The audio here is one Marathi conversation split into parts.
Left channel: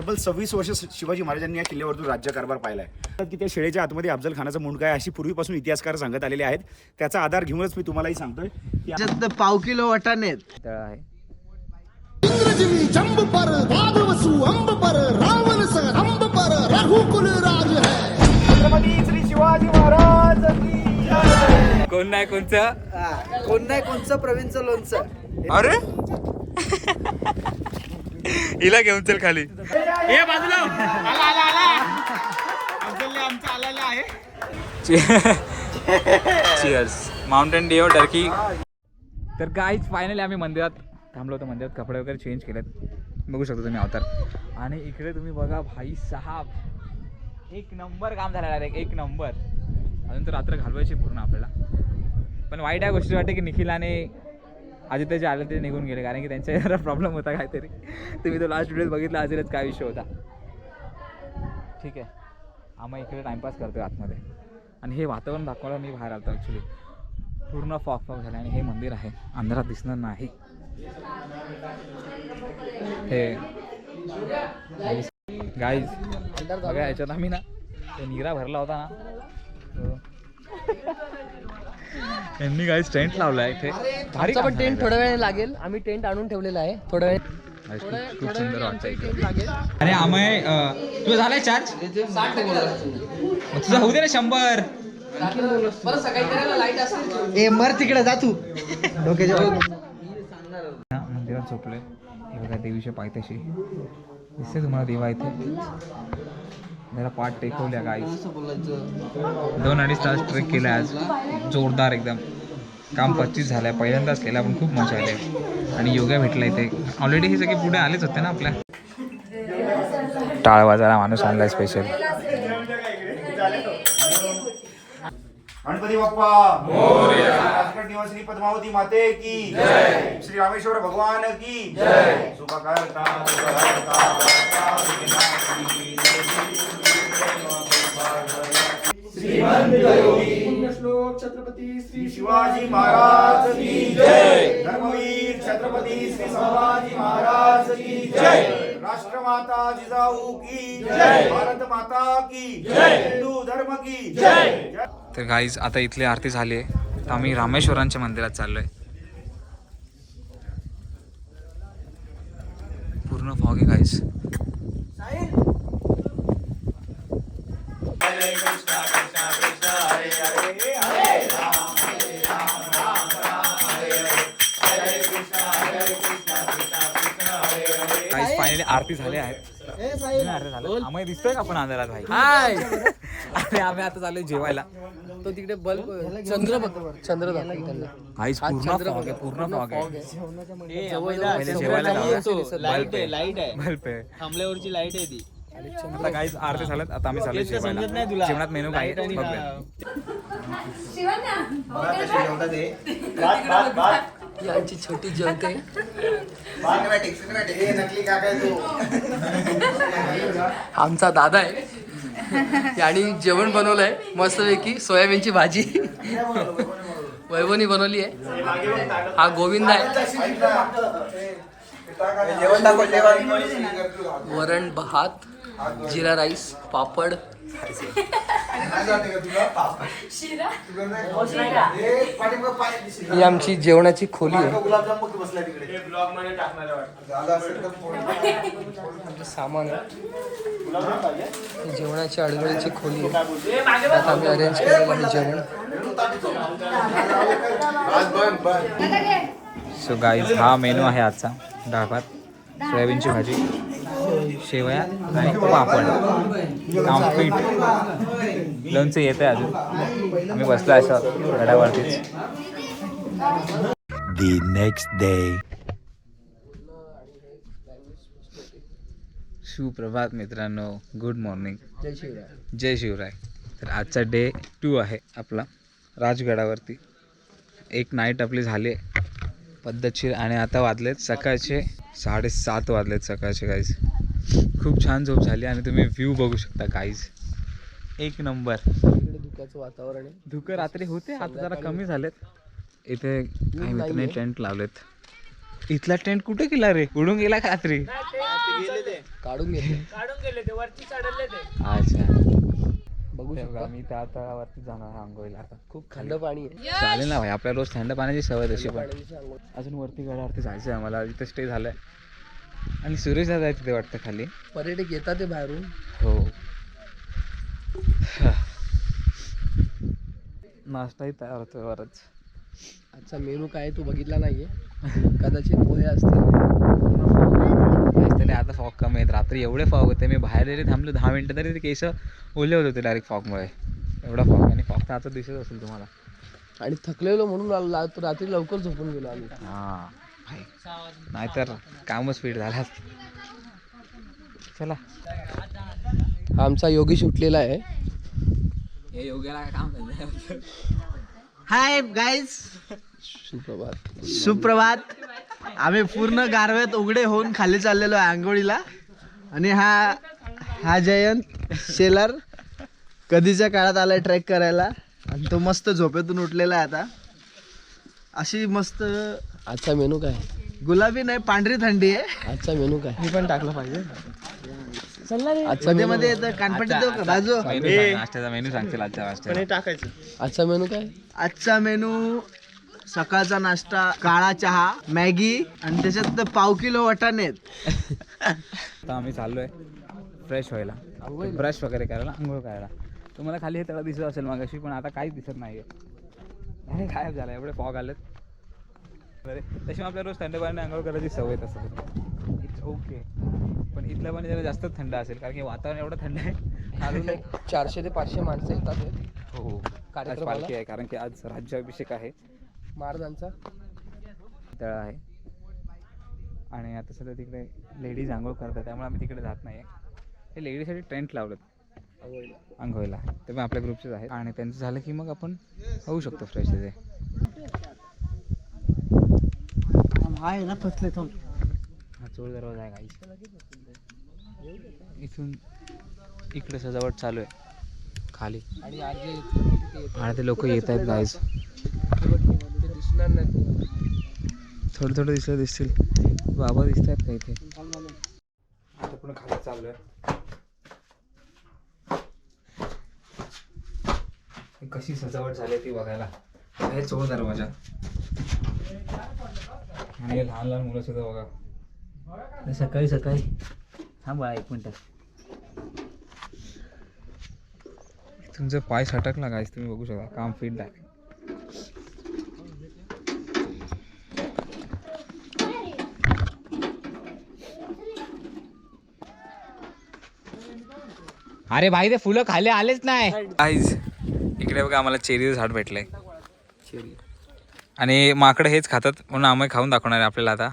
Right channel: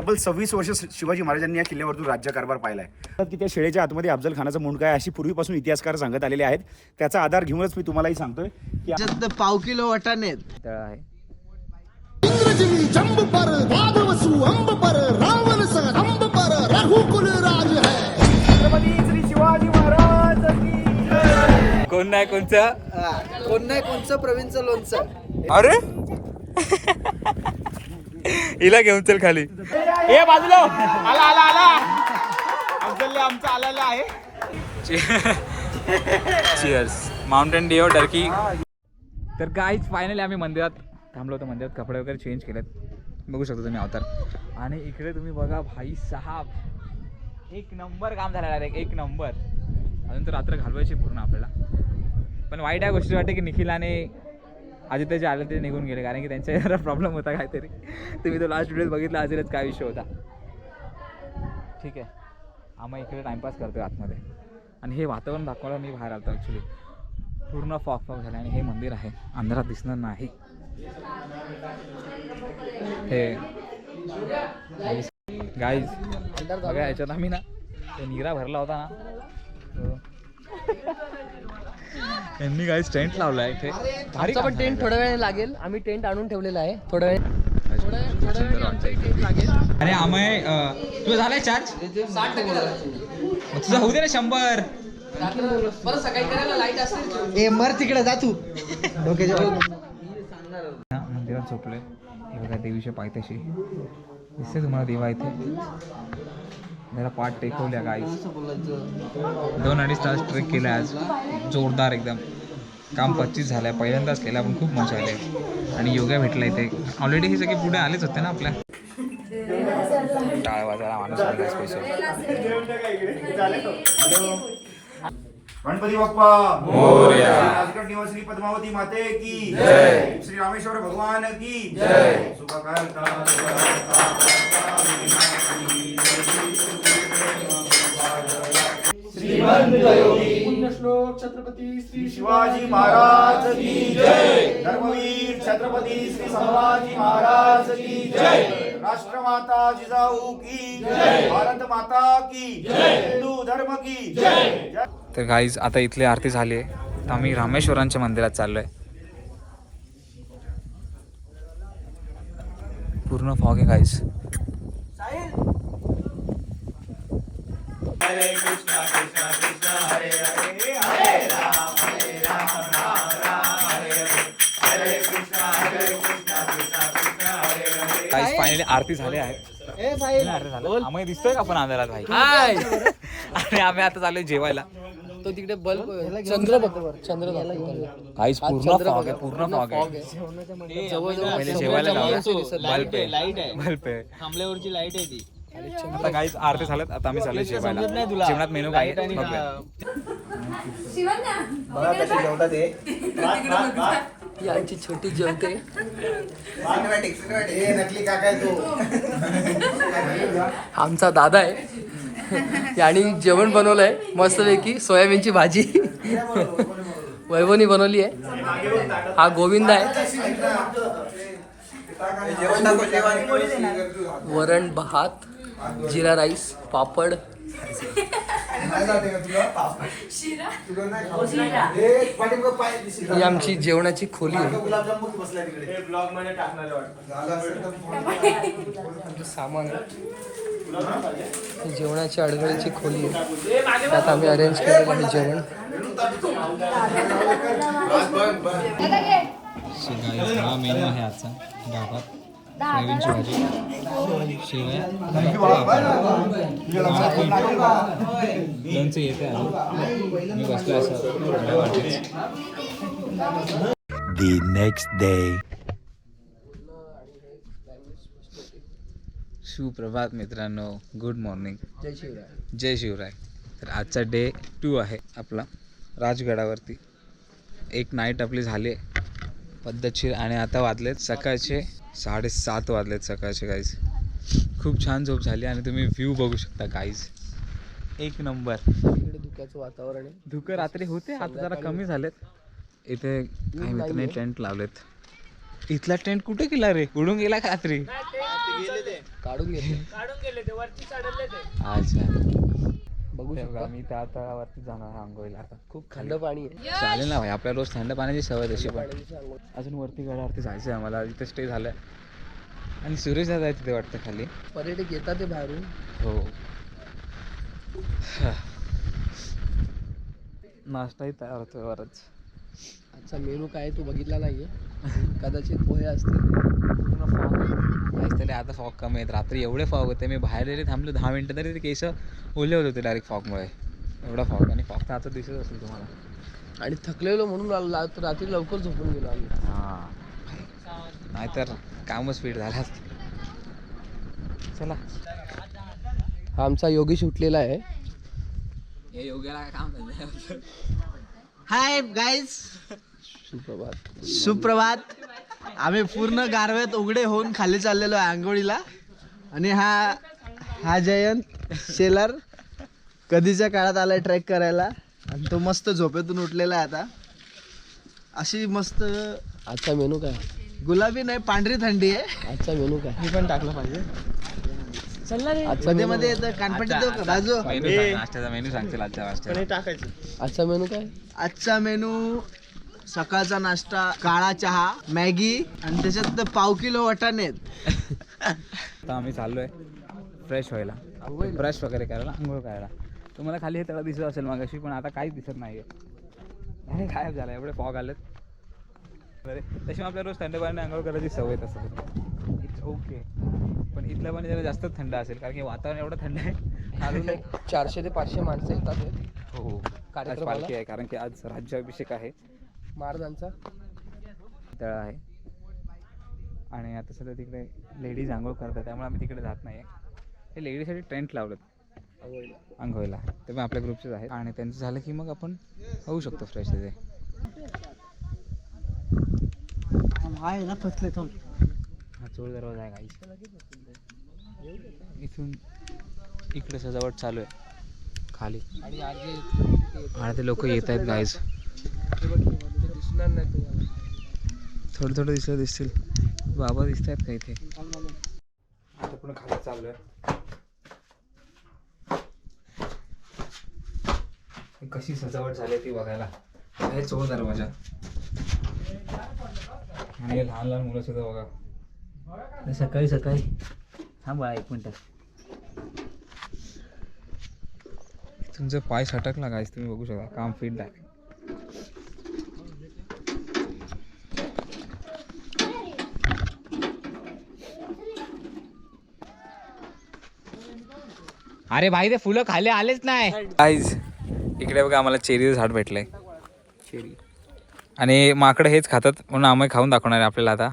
तब्बल 26 वर्ष शिवाजी महाराजांनी या किल्ल्यावरतून राज्यकारभार पाहिला आहे की त्या शेळेच्या आतमध्ये अफजल खानाचा मुंडका आहे अशी पूर्वीपासून इतिहासकार सांगत आलेले आहेत. त्याचा आधार घेऊनच मी तुम्हालाही सांगतोय की पाव किलो वाटाणे आहे. इंद्रजिनी जंब पर भागवसु अंब पर रावण संग पर रघुकुल राज है. छत्रपती श्री शिवाजी महाराज की कोण नाही कोणचं प्रवीणचं लोणचं. अरे हिला घेऊन चल खाली. ए बाजूला आला अफजलला आमचा आलेला आहे. चिअर्स. Mountain Dew Turkey. तर गाईज फायनली आम्ही मंदिरात थांबलो होतो. मंदिरात कपडे वगैरे चेंज केलेत, बघू शकता तुम्ही अवतार. आणि इकडे तुम्ही बघा भाई साहब एक नंबर काम झालेलं आहे, एक नंबर. अजून तर रात्र घालवायची पूर्ण आपल्याला. पण वाईट या गोष्टी वाटते की निखिल आणि आदित्य जे आले ते निघून गेले, कारण की त्यांच्या जरा प्रॉब्लेम होता काहीतरी. तुम्ही तो लास्ट व्हिडिओ बघितला असेलच काय विषय होता. ठीक आहे, आम्ही इकडे टाईमपास करतोय आतमध्ये. आणि हे वातावरण दाखवायला मी बाहेर आलो ॲक्च्युली. पूर्ण फॉग झालं आणि हे मंदिर आहे, अंधारात दिसणार नाही. हे गाईज बघा, याच्यात आम्ही ना ते नीरा भरला होता ना, यांनी गाईज टेंट लावला आहे इथे. भारी पण टेंट थोड्या वेळ लागेल, आम्ही टेंट आणून ठेवलेला आहे. थोड्या वेळ खूप सुंदर वाटतं इकडे. अरे आम्ही तुझं झालंय चार्ज? 60% तुझं होऊ दे ना 100. सकाळी करायला लाईट असेल. ए मर तिकडे जा तू. मंदिरात झोपले. हे बघा देवीच्या पायथ्याशी दिसते तुम्हाला देवा इथे. जरा पाठ टेकवल्या गाई. 2-2.5 तास ट्रेक केला आज, जोरदार एकदम. काम 25 झालंय, पहिल्यांदाच केलं पण खूप मजा आली. आणि योगा भेटला इथे. ऑलरेडी हे सगळे पुढे आलेच होते ना आपल्या. टाळ वाजायला माणूस आणलाय स्पेशल. गणपती बाप्पा मोरया. राजगड निवासिनी पद्मावती माते की जय. श्री रामेश्वर भगवान की जय. पुण्यश्लोक छत्रपती श्री शिवाजी महाराज की जय. धर्मवीर छत्रपती श्री संभाजी महाराज की जय. राष्ट्रमाता जिजाऊ की जय. भारत माता की जय. हिंदू धर्म की जय. तर गाईज आता इथली आरती झाली आहे, तर आम्ही रामेश्वरांच्या मंदिरात चाललोय. पूर्ण फॉग आहे गाईज. गाईज फायनली आरती झाली आहे. आम्ही दिसतोय का आपण अंधारात भाई? हाय. आणि आम्ही आता चाललोय जेवायला. तो तिकडे बल्ब चंद्र काहीच पूर्ण फॉग आहे, पूर्ण फॉग आहे. पहिले जेवायला बल्ब आहे, बल्ब आहे. थांबल्यावरची लाईट आहे ती. आता काहीच आरती झाल्यात, आता आम्ही चाललोय जेवायला. जेवणात मेनू काय आहे बघूया. यांची छोटी जेवते. आमचा दादा आहे, आणि जेवण बनवलंय मस्तपैकी. सोयाबीनची भाजी वैभवनी बनवली आहे. हा गोविंद आहे. वरण भात, जिरा राईस, पापड. ही आमची जेवणाची खोली आहे. सामान आहे, जेवणाची अडगळीची खोली आहे. त्यात आम्ही अरेंज केलेलं आहे जेवण. सो गाईज हा मेनू आहे आजचा. डाळ भात, सोयाबीनची भाजी, शेवया आणि पापड, आमटीट, लोणचं येतं आहे अजून. आम्ही बसलो असं गडावरतीच. The next day. सुप्रभात मित्रांनो, गुड मॉर्निंग. जय शिवराय. जय शिवराय. तर आजचा डे 2 आहे आपला राजगडावरती. एक नाईट आपली झाली आहे पद्धतशीर. आणि आता वाजलेत सकाळचे 7:30 वाजलेत सकाळचे गाईज. खूप छान झोप झाली आणि तुम्ही व्ह्यू बघू शकता गाईज, एक नंबर. इकडे धुक्याचं वातावरण आहे. धुकं रात्री होते, आता जरा कमी झालेत. इथे काही मित्रांनी टेंट लावलेत. इथला टेंट कुठे गेला रे? उडून गेला का रात्री? काढून घेतले. अच्छा बघू शकता मी तर आता वरती जाणार आंघोळीला आता. खूप थंड पाणी आहे. चालेल ना भाई, आपल्याला रोज थंड पाण्याची सवय तशी पण. पाण्याची आंघोळ. अजून वरती गडावरती जायचं आहे आम्हाला, इथं स्टे झालंय आणि सुरेश दादा आहे तिथे वाटतं खाली. पर्यटक येतात ते बाहेरून. हो नाश्ताही तयार होतोय वरच. आजचा मेनू काय तू बघितला नाहीये. कदाचित पोहे असतील. तरी आता फॉग कमी आहेत. रात्री एवढे फॉग होते, मी बाहेर जरी थांबलो 10 मिनिटं तरी ते केस ओले होत होते डायरेक्ट फॉगमुळे. एवढा फॉग, आणि फॉग तर आता दिसत असेल तुम्हाला. आणि थकलेलो म्हणून रात्री लवकर झोपून गेलो आम्ही. हां भाई, नाहीतर कामच स्पीड झाला. चला हा आमचा योगेश उठलेला आहे. हे योग्याला काम हाय गाईज, सुप्रभात. सुप्रभात. आम्ही पूर्ण गारव्यात उघडे होऊन खाली चाललेलो आहे आंघोळीला. आणि हा जयंत शेलर कधीच्या काळात आलाय ट्रेक करायला, आणि तो मस्त झोपेतून उठलेला आहे आता. अशी मस्त आजचा मेनू काय? गुलाबी नाही पांढरी थंडी आहे. आजचा मेनू काय? मी पण टाकलं पाहिजे. आजचा मध्ये मेनू मध्ये येतं कानपट्टी देऊ का बाजू. नाश्त्याचा मेनू सांगतील आजच्या नाश्त्याचा. आजचा मेनू काय? आजचा मेनू सकाळचा नाश्ता काळा चहा, मॅगी, आणि त्याच्यात 1/2 किलो वाटाणे आहेत. आता आम्ही चाललोय फ्रेश व्हायला, ब्रश वगैरे करायला, आंघोळ करायला. तुम्हाला खाली हे तळा दिसत असेल मागाशी, पण आता काहीच दिसत नाहीये. आणि गायब झाला, एवढे फॉग आलेत. बरे तशी आपल्या रोज थंड पाण्याने आंघोळ करायची सवय तसं. इट्स ओके, पण इथलं पाणी जरा जास्तच थंड असेल कारण की वातावरण एवढं थंड आहे. अजून एक 400 ते 500 माणसं येतात हे. हो, आज कार्यक्रमाला? पालखी आहे कारण की आज राज्याभिषेक आहे महाराजांचा. तळा आहे. आणि आता सध्या तिकडे लेडीज आंघोळ करतात, त्यामुळे आम्ही तिकडे जात नाही. हे लेडीजसाठी टेंट लावलं आंघोळीला, ते पण आपल्या ग्रुपचेच आहेत. आणि त्यांचं झालं की मग आपण होऊ शकतो फ्रेश तिथे. आहे ना फसले तो. हा चोळ दरवाजा आहे गाईस. इथून इकडे सजावट चालू आहे खाली, आणि आरजे आणि ते लोक येत आहेत गाईस. दिसणार नाही तुम्हाला. थोडं थोडं दिसतील. बाबा दिसत आहेत का इथे. आता पुन्हा खाली चालू आहे. कशी सजावट झाली ती बघायला. हे चोळ दरवाजा, आणि लहान लहान मुलं सुद्धा बघा. सकाळी सकाळी थांबा 1 मिनिट. तुमचा पाय सटकला गाईस, तुम्ही बघू शकता. काम फिट आहे. अरे भाई ते फुलं खाली आलेच नाही. गाईज इकडे बघा, आम्हाला चेरीचं झाड भेटलंय. चेरी. आणि माकडं हेच खातात म्हणून आम्ही खाऊन दाखवणार आहे आपल्याला आता.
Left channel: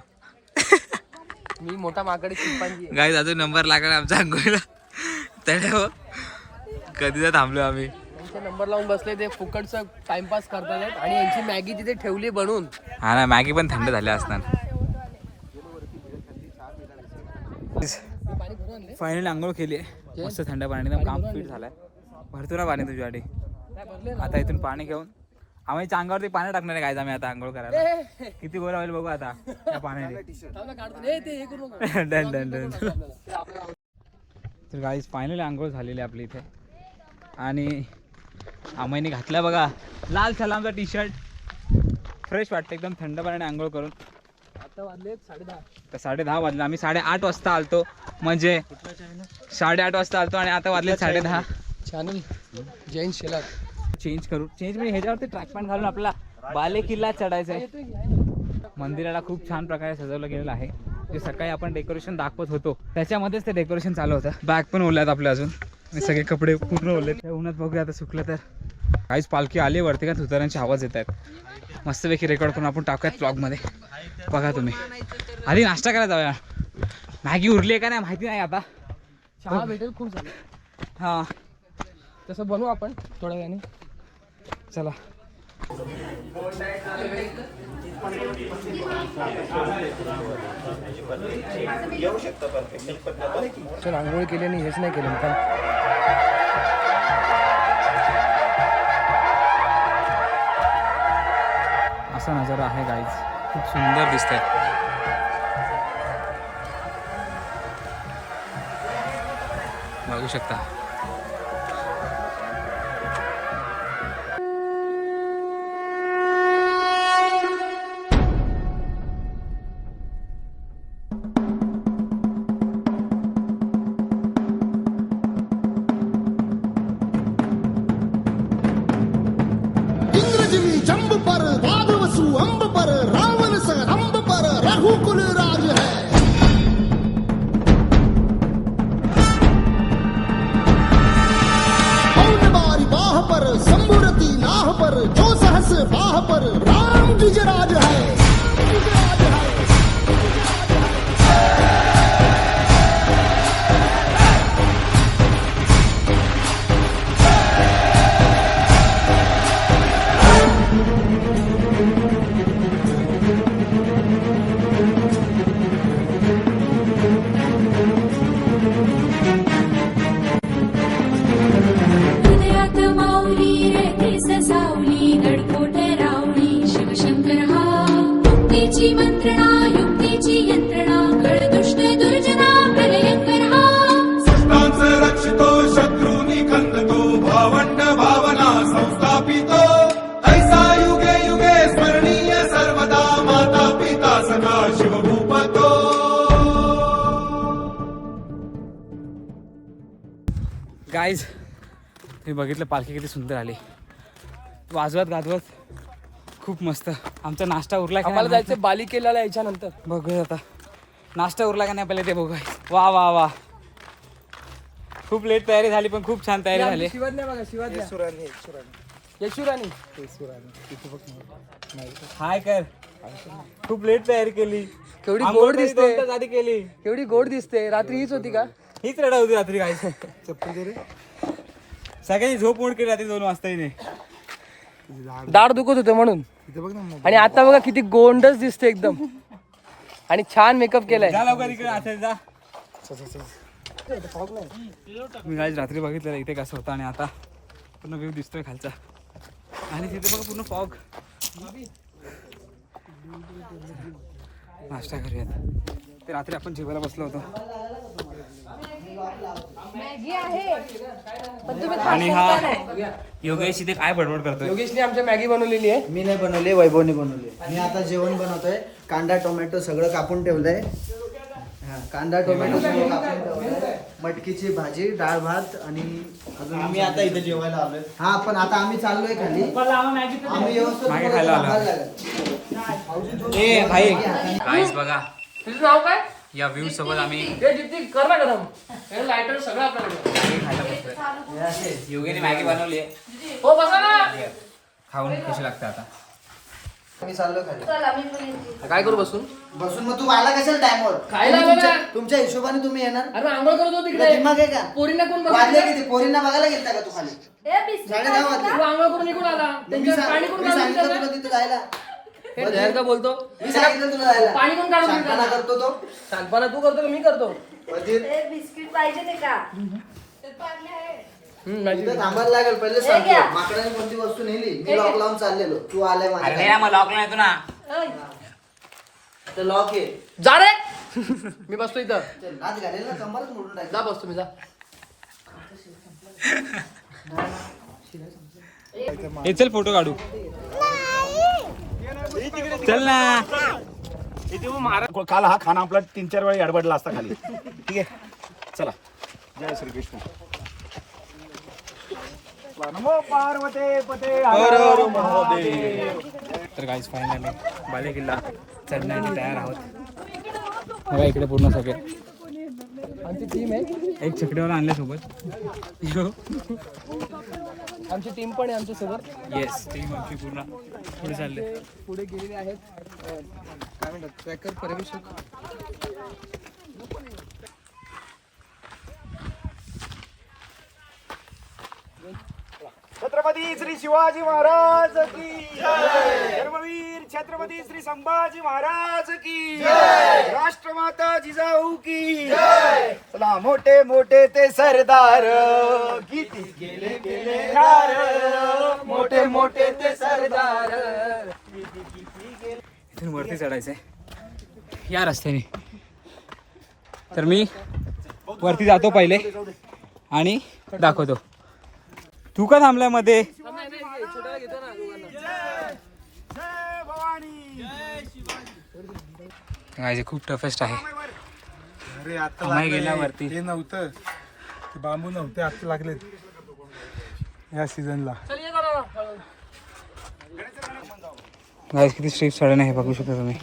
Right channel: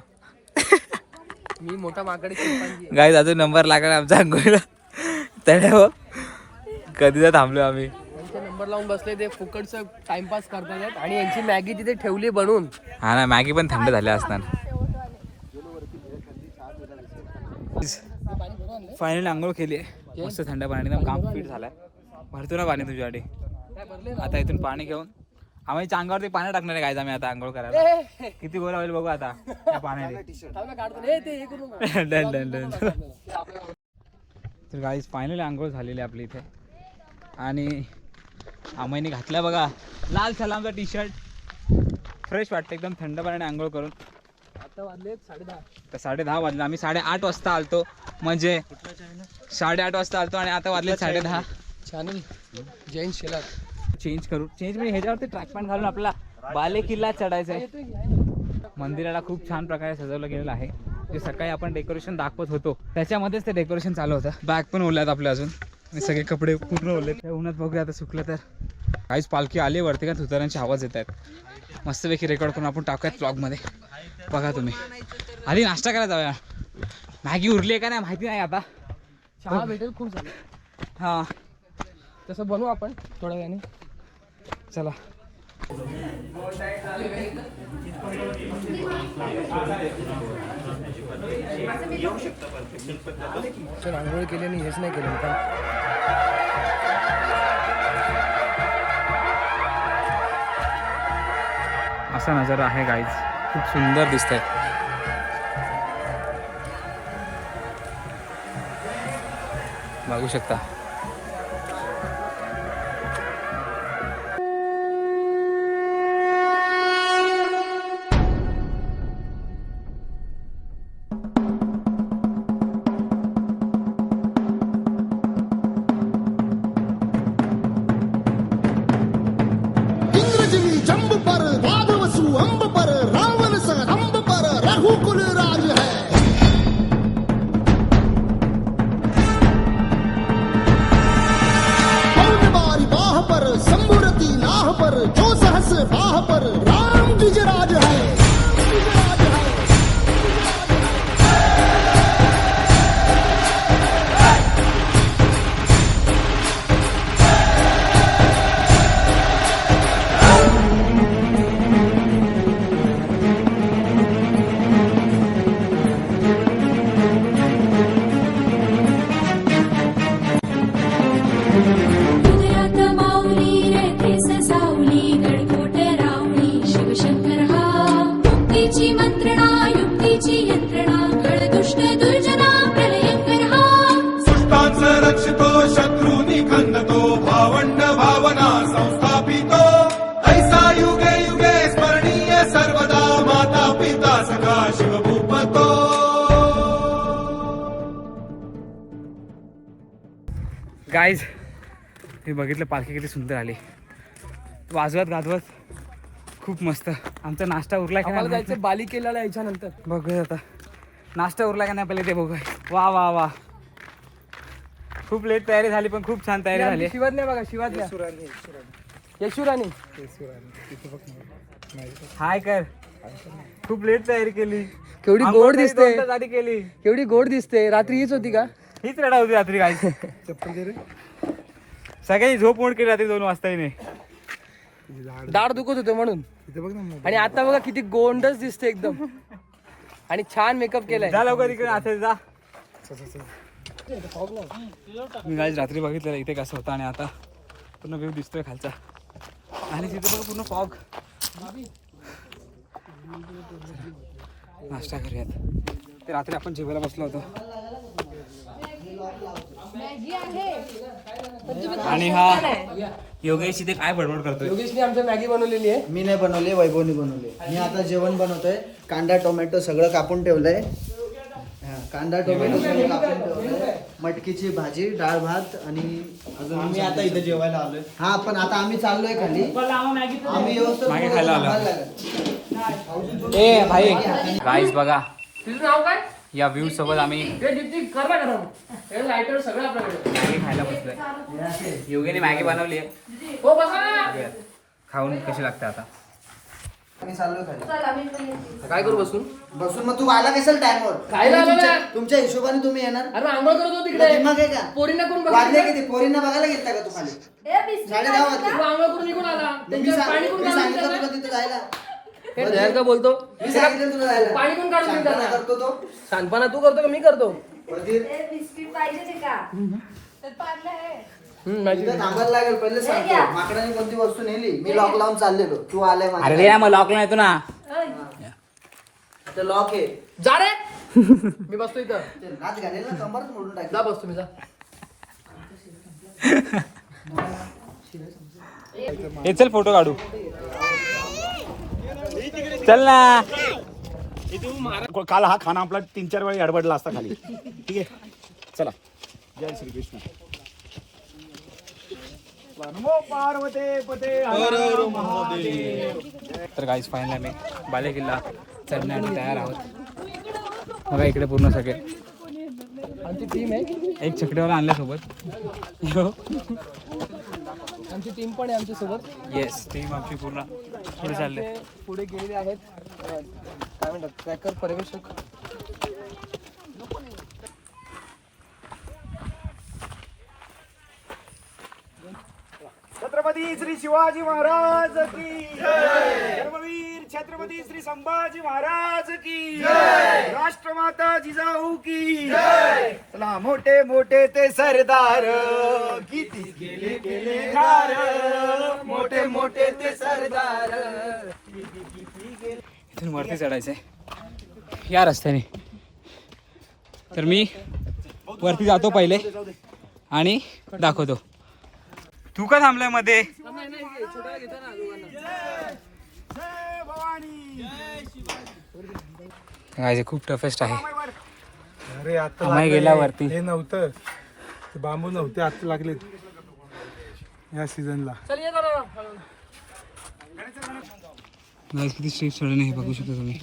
मी मोठा माकडे चिंपांजी. गाईज अजून नंबर लागला आमच्या अंघोळीला. त्यामुळे कधीचा थांबलो आम्ही. त्यांचा नंबर लावून बसले, ते फुकटचा टाइमपास करतात आहेत. आणि यांची मॅगी तिथे ठेवली बनवून. हा ना, मॅगी पण थंड झाल्या असणार. फायनली आंघोळ केली आहे मस्त थंड पाणी. काम फिट झालाय. भरतो ना पाणी तुझ्यासाठी. आता इथून पाणी घेऊन आम्ही अंगावरती पाणी टाकणार आहे गायचं आम्ही आता आंघोळ करायला. किती गोरा होईल बघू आता त्या पाण्याने. Done done done. तर गाईज फायनली आंघोळ झालेली आपली इथे. आणि आम्हीने घातला बघा लाल सलामचा टी शर्ट. फ्रेश वाटतं एकदम थंड पाण्याने आंघोळ करून. आता वाजले 10:30. तर 10:30 वाजले. आम्ही 8:30 वाजता आलतो, म्हणजे 8:30 वाजता आलतो आणि आता वाजले 10:30. चॅनल जैन शेलार चेंज म्हणजे ह्याच्यावरती ट्रॅक पॅन्ट घालून आपला बाले किल्ला चढायचा आहे. मंदिराला खूप छान प्रकारे सजवलं गेलेलं आहे. जे सकाळी आपण डेकोरेशन दाखवत होतो त्याच्यामध्येच ते डेकोरेशन चालू होतं. बॅग पण ओल्यात आपल्या अजून, सगळे कपडे पूर्ण ओले. उन्हात बघूया आता सुकलं तर. काहीच पालखी आली वरती का धुतारांचे आवाज येत आहेत. मस्तपैकी रेकॉर्ड करून आपण टाकूयात ब्लॉगमध्ये. बघा तुम्ही. आधी नाश्ता करायला जाऊया. मॅगी उरली आहे का नाही माहिती नाही आता. चहा भेटेल खूप झालं. हां तसं बनवू आपण थोड्या वेळाने. चला. चल आंघोळ केली आणि हेच नाही केलं का. असा नजारा आहे गाईज. खूप सुंदर दिसतंय. बघू शकता. इंद्रजिमी जंब पर वादवसु अंब पर रावण संग पर रघुकुल राज है. पौन बारी बाह पर संभुरती नाह पर जो सहस बाह पर राम गिजराज है. गिजराज है. हृदयात माऊली रेखे ससावली गडकोट रावळी शिवशंकर हा मुक्तीची मंत्रणा युक्तीची यंत्रणा कळ दुष्ट दुर्जना प्रलयंकर हा सृष्टांच रक्षितो शत्रूनी खंदतो भावंड भावना संस्थापितो ऐसा युगे युगे स्मरणीय सर्वदा माता पिता सखा शिवभूपतो. गाईज तुम्ही बघितलं पालखी किती सुंदर आली, वाजवत गाजवत खूप मस्त. आमचा नाश्ता उरला की आम्हाला नाही जायचं बालिकेला याच्यानंतर. बघूया आता नाश्ता उरला का नाही पहिले ते बघूया. वा वा वा, खूप लेट तयारी झाली पण खूप छान तयारी झाली. शिवाज्ञा बघा, शिवाज्ञा यशुराणी. हाय कर, खूप लेट तयारी केली. केवढी आंघोळ गोड तरी दिसते. 2 तास आधी केली. केवढी गोड दिसते. रात्री हीच होती का? हीच रडा होती रात्री. काय सगळ्यांनी झोप मोड केली रात्री 2 वाजता नाही. दाढ दुखत होतं म्हणून. आणि आता बघा किती गोंडच दिसते एकदम. आणि छान मेकअप केलाय. जा लवकर इकडे असेल जा. मी गाईज रात्री बघितलं इथे कसं होतं आणि आता पूर्ण व्ह्यू दिसतोय खालचा. आणि तिथे बघा पूर्ण फॉग. नाश्ता करूयात. ते रात्री आपण जेवायला बसलो होतो. आणि हा योगेश इथे काय बडबड करतोय. योगेशने आमच्या मॅगी बनवलेली आहे. मी नाही बनवली, वैभवने बनवली. मी आता जेवण बनवतोय. कांदा टोमॅटो सगळं कापून ठेवलंय. हा, कांदा टोमॅटो सगळं कापून ठेवलंय. मटकीची भाजी, डाळ भात आणि अजून मी आता इथे जेवायला आलोय. हा पण आता आम्ही चाललोय खाली. आम्ही व्यवस्थित मागे खायला आलो. ए भाई गाईस बघा तुझं नाव काय? या व्ह्यू सोबत आम्ही कर ना गरम. लायटर सगळं आपल्याकडे. मॅगी खायला बसलोय. योगेने मॅगी बनवली आहे. हो बसा ना. खाऊन कशी लागते आता. मी चाललोय खाली. काय करू बसून? बसून मग तू आला कशाला टाइमवर? खायला आलो ना. तुमच्या हिशोबाने तुम्ही येणार. अरे आंघोळ करत होतो तुला तिकडे. दिमाग आहे का? पोरींना कोण वाजले बघितलं? किती? पोरींना बघायला गेलता का तू खाली? 10:30 वाजले. तू आंघोळ करून निघून आला. मी त्यांच्यात पाणी कोण काढून सांगितलं देतं? तुला तिथे जायला. हे ढेर का बोलतो? मी सांगितलं तुला जायला. पाणी कोण काढून देतं? शांतपणा करतो तो. शानपणा तू करतो का मी करतो? वजीर बिस्किट पाहिजे ते का इथं थांबायला लागेल. पहिले सांगतो माकडाने कोणती वस्तू नेली. मी लॉक लावून चाललेलो. तू आलाय अरे माझ्या. या मग लॉकला येतो ना. ते लॉक आहे. जा रे. मी बसतो इथं. ते नाच घालेल ना, कंबरच मोडून टाक. जा बस तुम्ही जा. हे चल फोटो काढू. चल ना. काल हा खाना आपला 3-4 वेळा अडबडला असता खाली. ठीक आहे चला. जय श्री कृष्ण. नमो पार्वते पते हर हर महादेव. तर गाईज फायनली आम्ही बालेकिल्ला चढण्यासाठी तयार आहोत. बघा इकडे पूर्ण सगळे. आमची टीम आहे. एक चकडेवाला आणल्या सोबत. आमची टीम पण आहे आमच्या सोबत. येस टीम आमची पूर्ण पुढे चालले. पुढे गेलेले आहेत. काय म्हणतात ट्रॅकर पर्यवेक्षक. छत्रपती श्री शिवाजी महाराज की जय. धर्मवीर छत्रपती श्री संभाजी महाराज की जय. राष्ट्रमाता जिजाऊ की जय. चला मोठे मोठे ते सरदार किती गेले गेले ठार. मोठे मोठे ते सरदार. इथून वरती चढायचंय या रस्त्याने. तर मी वरती जातो पहिले आणि दाखवतो. तू का थांबलाय मध्ये? काय खूप टफेस्ट आहे. आम्ही गेला वरती. हे नव्हतं ते बांबू नव्हते आता लागलेत या सीझनला. गाईस किती स्ट्रीप चढण आहे बघू शकता तुम्ही.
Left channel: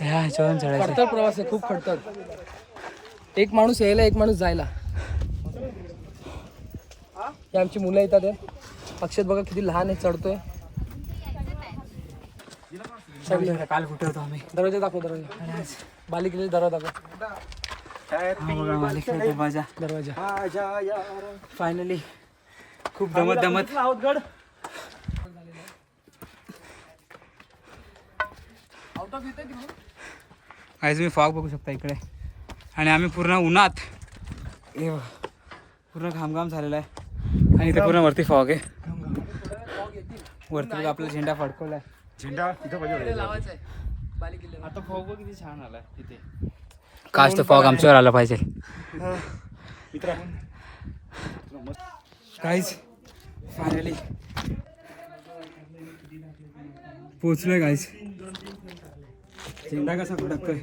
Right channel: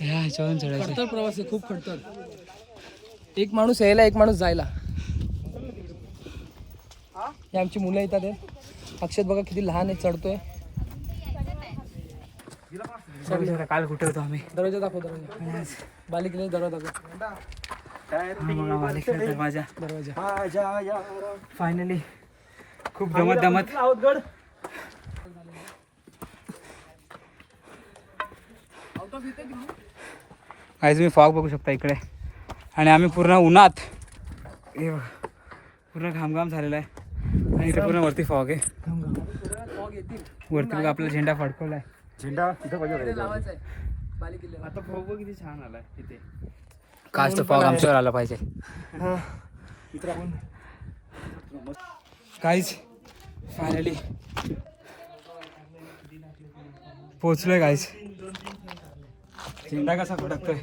ह्या ह्याच्यावरून चढायचं. खडतर प्रवास आहे, खूप खडतर. एक माणूस यायला, एक माणूस जायला. हे आमची मुलं येतात. अक्षत बघा किती लहान आहे, चढतोय. काल कुठे होतो आम्ही? दरवाजा दाखव, दरवाजा. बालिकेचा दरवाजा दाखव. हा बघा मालिकेचा दरवाजा. दरवाजा फायनली खूप दमत दमत आज तुम्ही फॉग बघू शकता इकडे. आणि आम्ही पूर्ण उन्हात पूर्ण घामघाम झालेला आहे. आणि इथे पूर्ण वरती फॉग आहे. वरती बघा आपला झेंडा फडकवलाय. झेंडा तिथं पाहिजे. आता फॉग किती छान आलाय तिथे. काश तो फॉग आमच्यावर आला पाहिजे. काहीच फायनली पोचलोय गाईज. झेंडा कसा फडकतोय.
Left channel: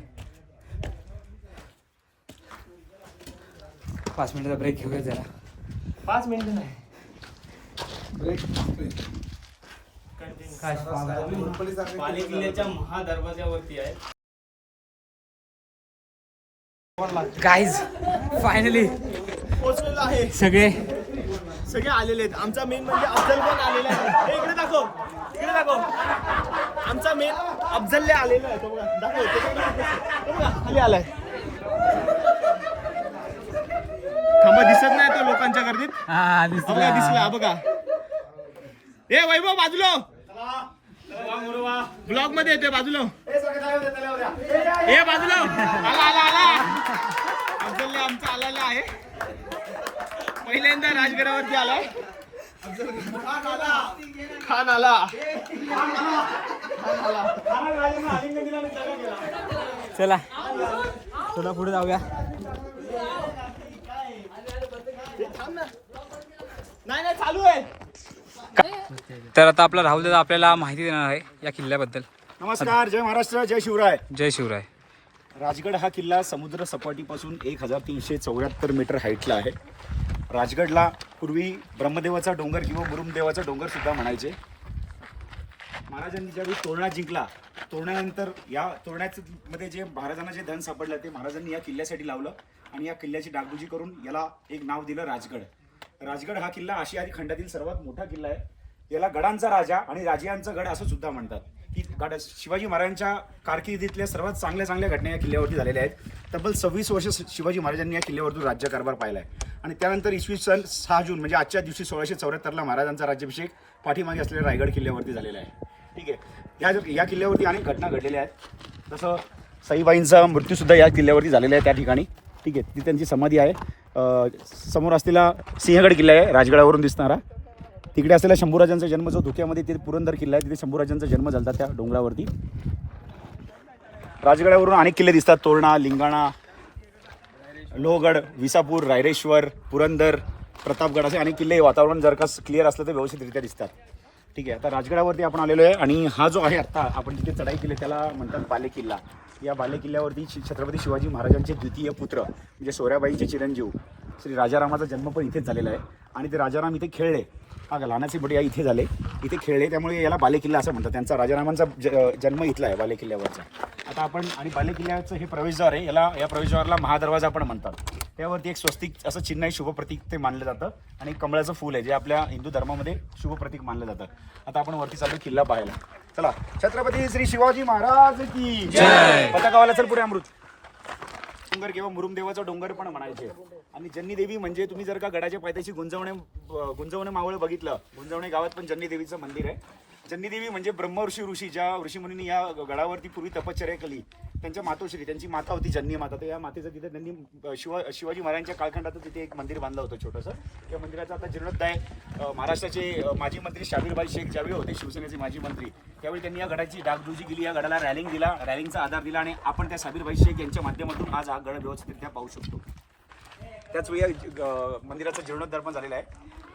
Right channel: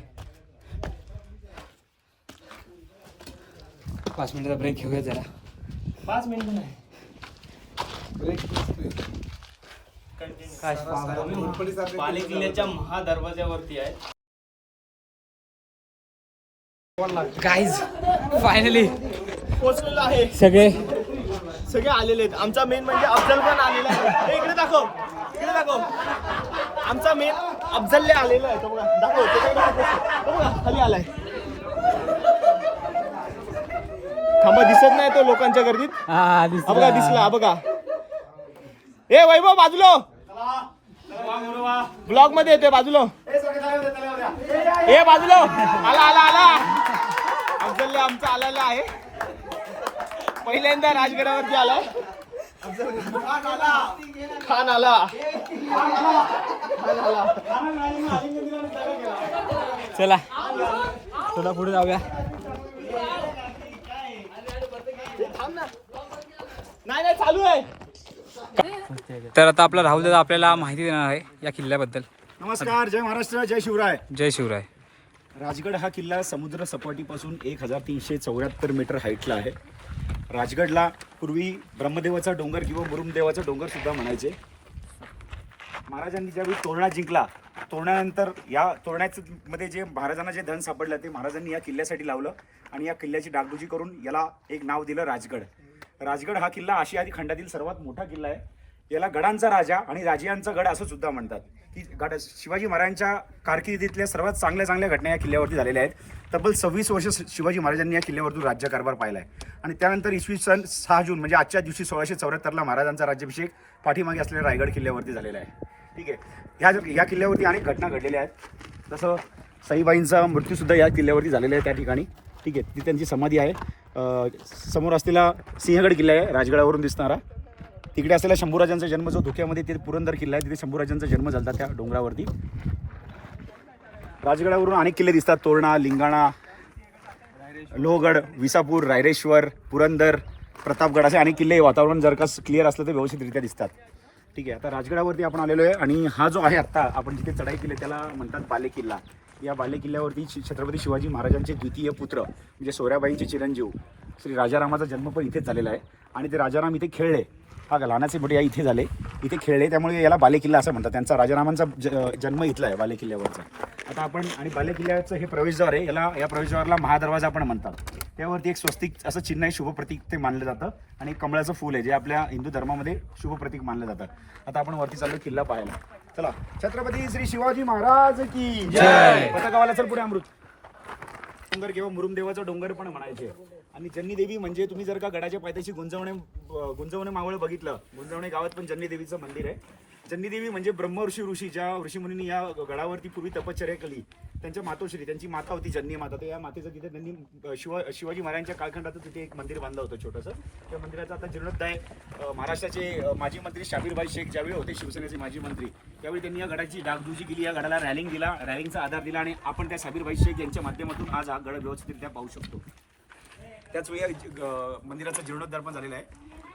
5 मिनिटाचा ब्रेक घेऊया जरा. 5 मिनिट नाही. बाले किल्ल्याच्या महादरवाज्यावरती आहे. गाईज फायनली पोहोचलेलो आहे. सगळे आलेले आहेत. आमचा मेन म्हणजे अफजल पण आलेला आहे. हे इकडे दाखव, इकडे दाखव. आमचा मेन अफजलले आलेला आहे. तो बघा, दाखव. तो बघा खाली आलाय. थांबा, दिसत नाही तो लोकांच्या गर्दीत. बघा दिसला बघा. ए वैभव बाजूला, ब्लॉग मध्ये येते बाजूला. ए बाजूला. आला आला आला. अफजल आमचा आलेला आहे. पहिल्यांदा राजगडावरती आलाय. खान आला. चला थोडा पुढे जाऊया. नाही चालू आहे. तर आता आपला राहुल दादा आपल्याला माहिती देणार आहे या किल्ल्याबद्दल. नमस्कार, जय महाराष्ट्र, जय शिवराय. जय शिवराय. राजगड हा किल्ला समुद्र सपाटीपासून 1374 मीटर हाईटला आहे. राजगडला पूर्वी ब्रह्मदेवाचा डोंगर किंवा मुरुमदेवाचा डोंगर सुद्धा म्हणायचे. महाराजांनी ज्यावेळी तोरणा जिंकला, तोरणानंतर या तोरण्यामध्ये जे महाराजांना जे धन सापडलं ते महाराजांनी या किल्ल्यासाठी लावलं आणि या किल्ल्याची डागडुजी करून याला एक नाव दिलं राजगड. राजगड हा किल्ला आशियाई खंडातील सर्वात मोठा किल्ला आहे. याला गडांचा राजा आणि राजियांचा गड असं सुद्धा म्हणतात. ही गड शिवाजी महाराजांच्या कारकिर्दीतल्या सर्वात चांगल्या घटना या किल्ल्यावरती झालेल्या आहेत. तब्बल 26 वर्ष शिवाजी महाराजांनी या किल्ल्यावरतून राज्यकारभार पाहिला आहे. आणि त्यानंतर इसवी सन 6 जून म्हणजे आजच्या दिवशी 1674ला महाराजांचा राज्याभिषेक पाठीमागे असलेल्या रायगड किल्ल्यावरती झालेला आहे. ठीक आहे. या किल्ल्यावरती अनेक घटना घडलेल्या आहेत. तसं सईबाईंचा मृत्यूसुद्धा या किल्ल्यावरती झालेला आहे त्या ठिकाणी. ठीक आहे. ती त्यांची समाधी आहे. समोर असलेला सिंहगड किल्ला आहे राजगडावरून दिसणारा. तिकडे असलेला शंभूराजांचा जन्म जो धोक्यामध्ये ते पुरंदर किल्ला आहे, तिथे शंभूराजांचा जन्म झाला त्या डोंगरावरती. राजगडावरून अनेक किल्ले दिसतात. तोरणा, लिंगाणा, लोहगड, विसापूर, रायरेश्वर, पुरंदर, प्रतापगड असे अनेक किल्ले. वातावरण जर का क्लिअर असलं तर व्यवस्थितरित्या दिसतात. ठीक आहे. आता राजगडावरती आपण आलेलो आहे आणि हा जो आहे आत्ता आपण जिथे चढाई केली त्याला म्हणतात बाले किल्ला. या बाले किल्ल्यावरती छत्रपती शिवाजी महाराजांचे द्वितीय पुत्र म्हणजे सोऱ्याबाईंचे चिरंजीव श्री राजारामाचा जन्म पण इथेच झालेला आहे. आणि ते राजाराम इथे खेळले. हा लहानाचे मोठे या इथे झाले, इथे खेळले, त्यामुळे याला बाले किल्ला असं म्हणतात. त्यांचा राजारामांचा जन्म इथला आहे बाले किल्ल्यावरचा. आता आपण आणि बाले किल्ल्याचं हे प्रवेशद्वार आहे, याला या प्रवेशद्वाराला महादरवाजा पण म्हणतात. त्यावरती एक स्वस्तिक असं चिन्ह आहे, शुभ प्रतीक ते मानलं जातं. आणि कमळाचं फूल आहे जे आपल्या हिंदू धर्मामध्ये शुभ प्रतीक मानलं जातं. आता आपण वरती चालू किल्ला पाहायला. चला. छत्रपती श्री शिवाजी महाराज की जय. पताकावाला चल पुढे. अमृत डोंगर किंवा मुरुमदेवाचा डोंगर पण म्हणायचे. आणि जन्नी देवी म्हणजे तुम्ही जर का गडाच्या पायथ्याशी गुंजवणे मावळ बघितलं, गुंजवणे गावात पण जन्नी देवीचं मंदिर आहे. जन्नी देवी म्हणजे ऋषी ज्या ऋषीमुनींनी या गडावरती पूर्वी तपश्चर्या केली त्यांच्या मातोश्री, त्यांची माता होती जन्नी माता. तर या मातेचं तिथे त्यांनी शिवाजी महाराजांच्या कालखंडात तिथे एक मंदिर बांधलं होतं छोटंसं. त्या मंदिराचा आता जीर्णोद्धार महाराष्ट्राचे माजी मंत्री शाबीरभाई शेख ज्यावेळी होते शिवसेनेचे माजी मंत्री, त्यावेळी त्यांनी या गडाची डागडुजी केली, या गडाला रॅलिंग दिला, रॅलिंगचा आधार दिला आणि आपण त्या शाबीरभाई शेख यांच्या माध्यमातून आज हा गड व्यवस्थितरित्या पाहू शकतो. त्याच वेळी मंदिराचा जीर्णोद्धार पण झालेला आहे.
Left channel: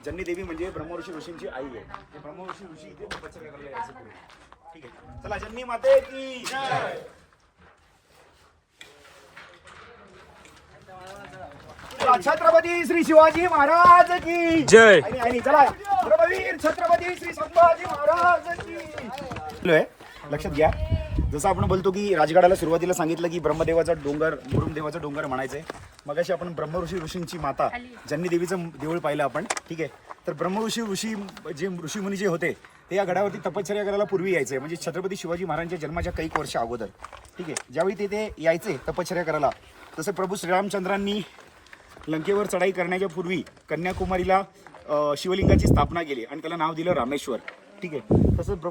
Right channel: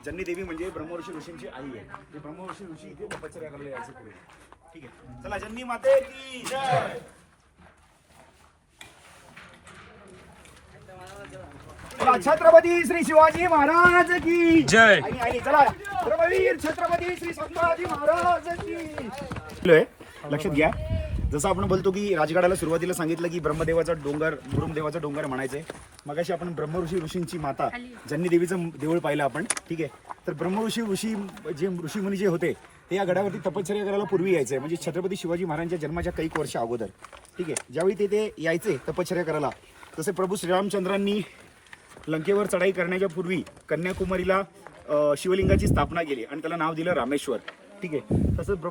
जन्नी देवी म्हणजे ब्रह्मऋषी ऋषींची आई आहे. ते ब्रह्मऋषी ऋषी इथे तपश्चर्या करायला यायचे पुढे. ठीक आहे, चला जन्नी माते की जय. चला, छत्रपती श्री शिवाजी महाराज की जय. आणि चला छत्रपती श्री संभाजी महाराज की. लक्षात घ्या, जसं आपण बोलतो की राजगडाला सुरुवातीला सांगितलं की ब्रह्मदेवाचा डोंगर ब्रह्मदेवाचा डोंगर म्हणायचंय. मगाशी आपण ब्रह्मऋषी ऋषींची माता जन्नी देवीचं देऊळ पाहिलं आपण. ठीक आहे, तर ब्रह्मऋषी जे ऋषीमुनी जे होते ते या गडावरती तपश्चर्या करायला पूर्वी यायचे, म्हणजे छत्रपती शिवाजी महाराजांच्या जन्माच्या काही वर्ष अगोदर. ठीक आहे, ज्यावेळी ते यायचे तपश्चर्या करायला, तसे प्रभू श्रीरामचंद्रांनी लंकेवर चढाई करण्याच्या पूर्वी कन्याकुमारीला शिवलिंगाची स्थापना केली आणि त्याला नाव दिलं रामेश्वर. ठीक आहे, तसंच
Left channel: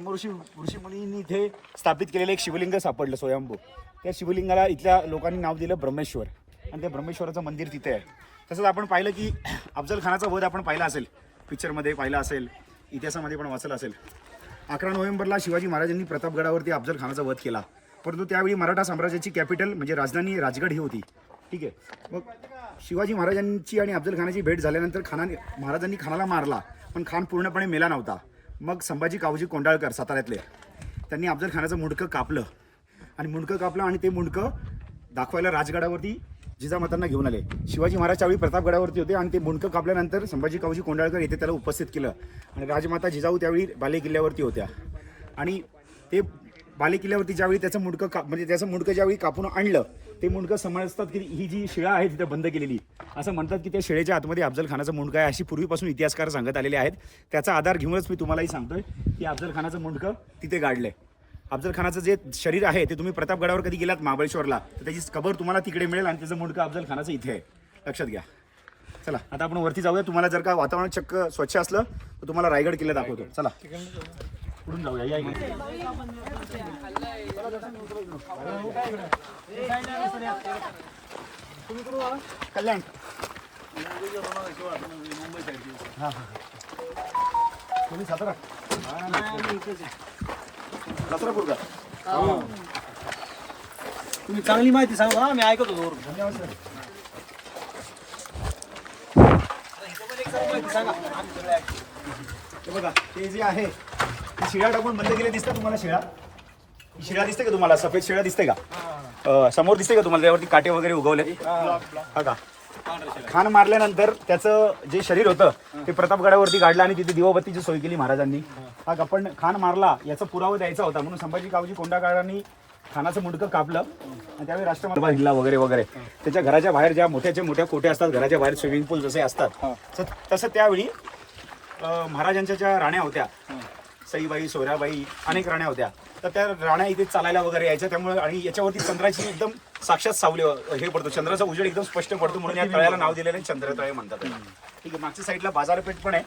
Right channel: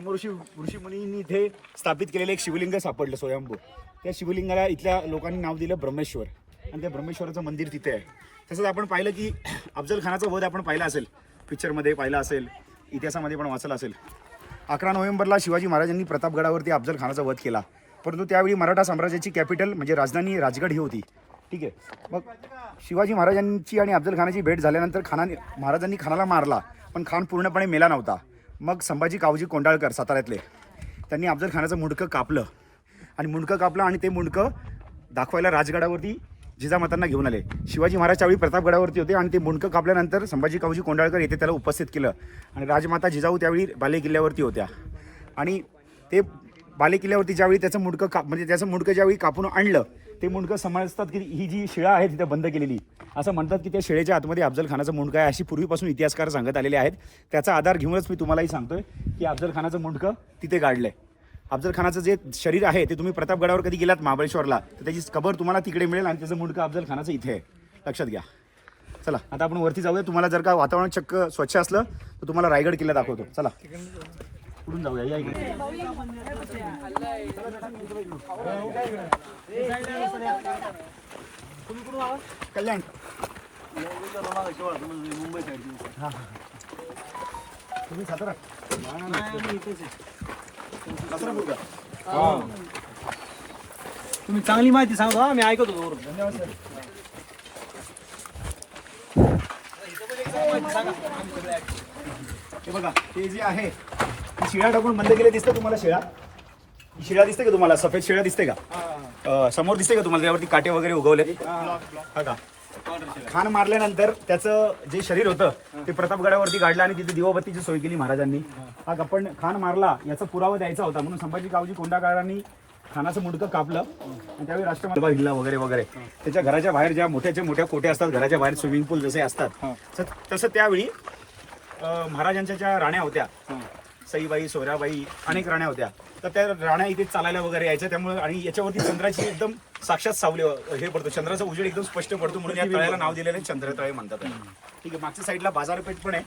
ऋषीमुनींनी इथे स्थापित केलेलं एक शिवलिंग सापडलं स्वयंभू. त्या शिवलिंगाला इथल्या लोकांनी नाव दिलं ब्रह्मेश्वर आणि त्या ब्रह्मेश्वराचं मंदिर तिथे आहे. तसंच आपण पाहिलं की अफजल खानाचा वध आपण पाहिला असेल, पिक्चरमध्ये पाहिला असेल, इतिहासामध्ये पण वाचला असेल. 11 नोव्हेंबरला शिवाजी महाराजांनी प्रतापगडावरती अफजल खानाचा वध केला, परंतु त्यावेळी मराठा साम्राज्याची कॅपिटल म्हणजे राजधानी राजगड ही होती. ठीक आहे, मग शिवाजी महाराजांची आणि अफजल खानाची भेट झाल्यानंतर महाराजांनी खानाला मारला, पण खान पूर्णपणे मेला नव्हता. मग संभाजी कावजी कोंडाळकर साताऱ्यातले त्यांनी अफजल खानाचं मुंडकं कापलं आणि ते मुंडकं दाखवायला राजगडावरती जिजामातांना घेऊन आले. शिवाजी महाराज त्यावेळी प्रतापगडावरती होते आणि ते मुंडकं कापल्यानंतर संभाजी कावजी कोंडाळकर येथे त्याला उपस्थित केलं आणि राजमाता जिजाऊ त्यावेळी बालेकिल्ल्यावरती होत्या. आणि ते बालेकिल्ल्यावरती ज्यावेळी त्याचं मुंडकं ज्यावेळी कापून आणलं, ते मुंडकं समजतात की ही जी शिळा आहे तिथे बंद केलेली, असं म्हणतात की त्या शिळेच्या आतमध्ये अफजल खानाचं मुंडकं आहे, अशी पूर्वीपासून इतिहासकार सांगत आलेले आहेत. त्याचा आधार घेऊनच मी तुम्हालाही सांगतोय की अफजल खानाचं मुंडकं तिथे गाडलंय. अफजल खानाचं जे शरीर आहे ते तुम्ही प्रतापगडावर कधी गेलात महाबळेश्वरला तर त्याची कबर तुम्हाला तिकडे मिळेल आणि त्याचं मुंडकं अफजल खानाचं इथे आहे. लक्षात घ्या. चला आता आपण वरती जाऊया. तुम्हाला जर का वातावरण चक्क स्वच्छ असलं तर तुम्हाला रायगड किल्ला दाखवतो. चला पुढून जाऊया, या इकडे. कल्याण मुंबई साईड. तुम्ही सातारा तुम्ही चांगली माहिती सांगा, आम्ही ऐकतो. धन्यवाद सर. हे बघा, ते जे आहे शिळा टाकून बंद केले दिसतं तुम्हाला. शिळा दिसते का तुम्हाला? सफेद शिळा दिसते का? समोर दिसते का तुम्हाला? त्यावरती काटे वगैरे उगवले. हा का? खान मारल्यानंतर त्याचं जे शरीर होतं ते प्रतापगडावरती काढलं आणि तिथे दिवाबत्तीची सोय केली महाराजांनी. हा का? पण खान मारला याचा पुरावा द्यायचा होता म्हणून संभाजी कावजी कोंडाळकरांनी खानाचं मुंडकं कापलं आणि त्यावेळी राष्ट्रमाता हिल्ला वगैरे वगैरे. त्याच्या घराच्या बाहेर ज्या मोठ्या कोटे असतात, घराच्या बाहेर स्विमिंग पूल जसे असतात, तसं त्यावेळी महाराजांच्या ज्या राण्या होत्या, सईबाई, सोयराबाई, अनेक राण्या होत्या, तर त्या राण्या इथे चालायला वगैरे यायच्या. त्यामुळे आणि याच्यावरती चंद्राची एकदम साक्षात सावली हे पडतो, चंद्राचा उजेड एकदम स्पष्ट पडतो म्हणून या तळ्याला नाव दिलेलं चंद्रतळे म्हणतात. ठीक आहे, मागच्या साईडला बाजारपेठ पण आहे.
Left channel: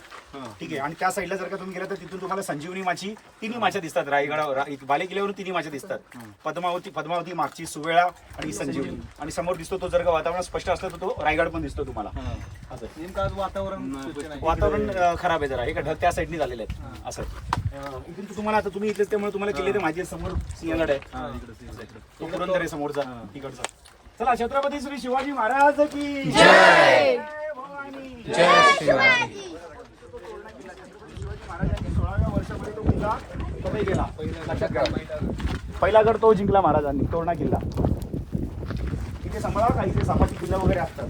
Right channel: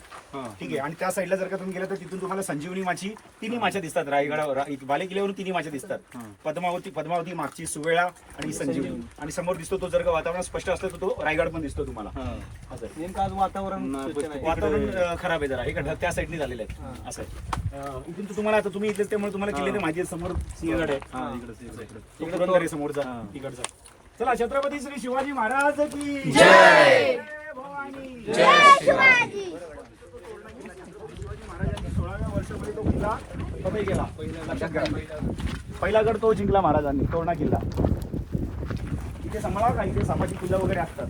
ठीक आहे, आणि त्या साईडला जर का तुम्ही गेला तर तिथून तुम्हाला संजीवनी माची, तिन्ही माच्या दिसतात. रायगडावर बालेकिल्ल्यावरून तिन्ही माच्या दिसतात. पद्मावती मागची, सुवेळा आणि संजीवनी. आणि समोर दिसतो तो, जर का वातावरण स्पष्ट असलं तर तो रायगड पण दिसतो तुम्हाला. नेमकं आज वातावरण खराब आहे जरा, हे ढग त्या साईडने झालेले आहेत. असं इथून तुम्हाला, आता तुम्ही इथलेच त्यामुळे तुम्हाला किल्ले माहिती आहे. समोर सिंहगड आहे, तो पुरंदर आहे समोरचा तिकडचा. चला, छत्रपती श्री शिवाजी महाराज की जय. जय शिवाजी. महाराजांनी 16व्या वर्षामध्ये तो किल्ला फतेह केला. पहिला गड तो जिंकला महाराजांनी, तोरणा किल्ला. इथे सांभाळा का, इथे सापाची किल्ला वगैरे असतात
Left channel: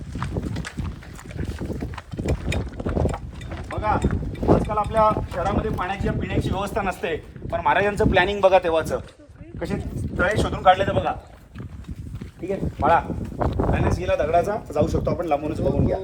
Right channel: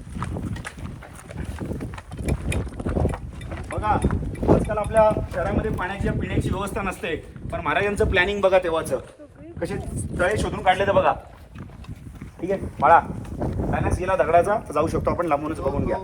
बघा. आजकाल आपल्या शहरामध्ये पाण्याची पिण्याची व्यवस्था नसते, पण महाराजांचं प्लॅनिंग बघा तेव्हाचं, कसे तळे शोधून काढले तर बघा. ठीक आहे बाळा, बॅलन्स गेला दगडाचा तर जाऊ शकतो आपण, लांबूनच बघून घ्या.